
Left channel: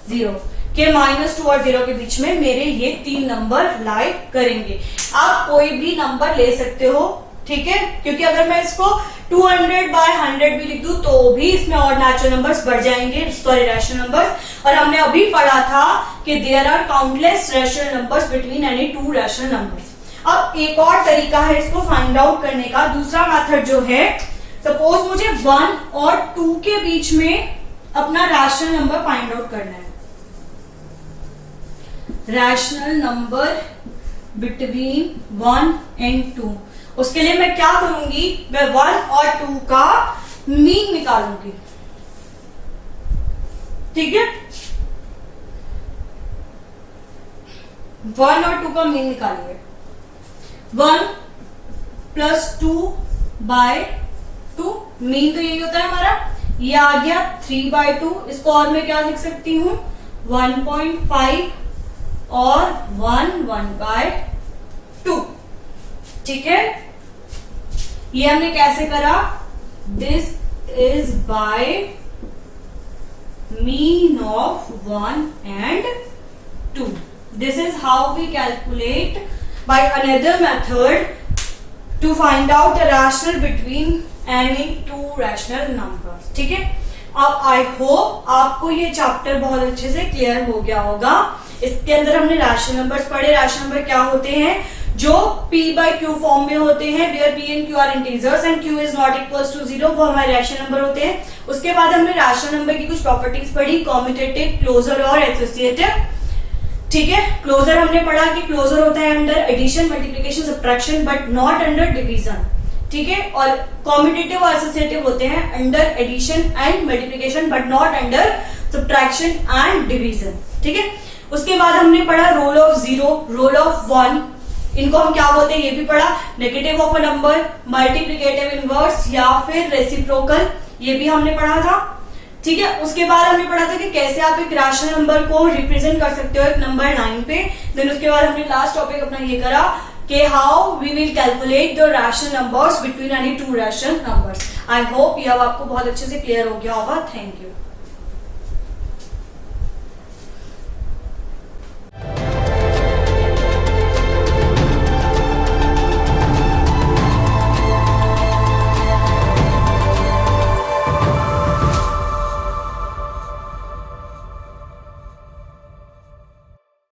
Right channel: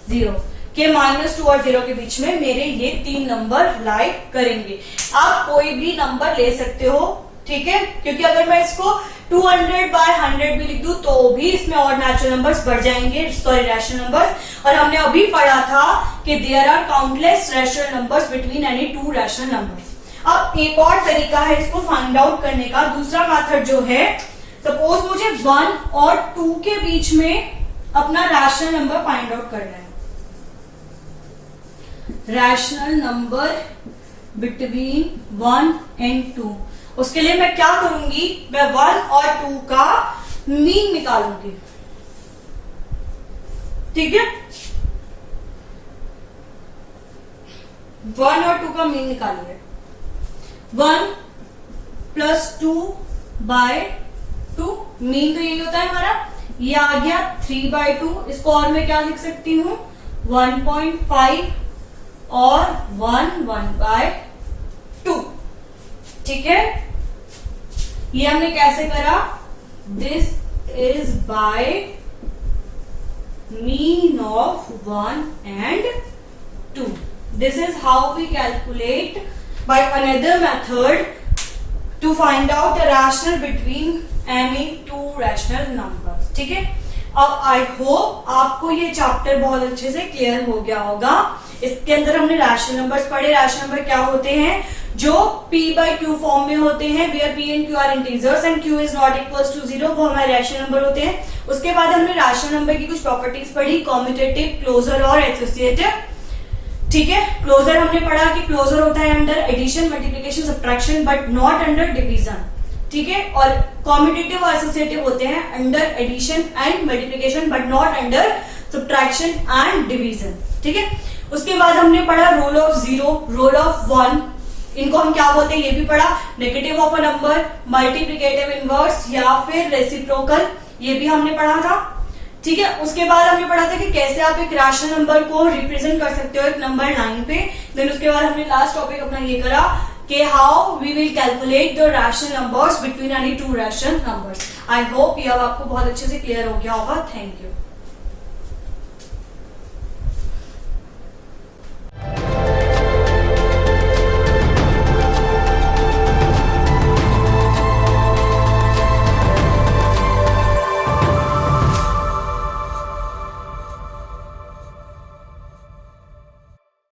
0 के -2 और 0 के बीच में मेरे ये 3 नंबर लाई करेंगे। आप कोई भी नंबर ले सकते हो। ठीक है, क्योंकि अगर मैं इसको 200/100 भी लिख दूं तो भी इसमें और नेचुरल नंबर्स बढ़ जाएंगे, सॉरी रैशनल नंबर्स। और हमने अभी पढ़ा था कि there are countless rational numbers between any 2 rational numbers. अब एक और तरीका है इसको फाइंड आउट करने का, दूसरा मेथड जो है, सपोज मुझे 1 और 2 के बीच में अपना रैशनल नंबर फाइंड आउट करना है। रैशनल नंबर बिटवीन 1 एंड 2, उसके लिए मैं क्या करूंगी? मैं 1 और 2 का मीन निकालूंगी। ठीक है, 1 और 2 का मीन निकालिए। 1 + 2/2, मीन तो यही होता है हमारा, ये आ गया 3/2। इसको और मैं क्या लिख सकती हूं? 1.5 और 1/2। ठीक है, ये हमने कैसे करा? This is by mean of 1 and 2। This is how we calculate by another method to find out the rational between any 2 rational numbers. ठीक है, अब आई होप आपको ये चैप्टर बहुत अच्छे से क्लियर हो गया होगा। इसके अंदर हमने रैशनल नंबर्स पढ़े। रैशनल नंबर क्या होते हैं? जो p/q फॉर्म में होते हैं, where p and q are integers and q is not equals to 0, वो हमारे रैशनल नंबर होते हैं। उसके बाद हमने रैशनल नंबर की कुछ प्रॉपर्टीज पढ़ी, कॉम्यूटेटिव, क्लोजर और एसोसिएटिव। ठीक है, क्लोजर हमने पढ़ा कि क्लोजर होता है under addition, multiplication, subtraction but not under division. ठीक है, और कॉम्यूटेटिव और एसोसिएटिव होते हैं under addition and multiplication but not under subtraction and division. ठीक है, उसके बाद हमने पढ़ा रोल ऑफ 0, रोल ऑफ 1, इनको हम क्या बोलते हैं ये भी पढ़ा, negative of a number, multiplicative inverse या फिर रेसिप्रोकल, ये भी हमने पढ़ा था। ठीक है, उसके बाद हमने पढ़ा था कि कैसे आप एक रैशनल नंबर को रिप्रेजेंट कर सकते हो एक नंबर 9 पे। देन उसके बाद हमने लास्ट टॉपिक अपना ये करा कि how we will calculate the rational numbers between any 2 rational numbers. I hope ये अब आपको बहुत अच्छे से क्लियर हो गया होगा। Thank you.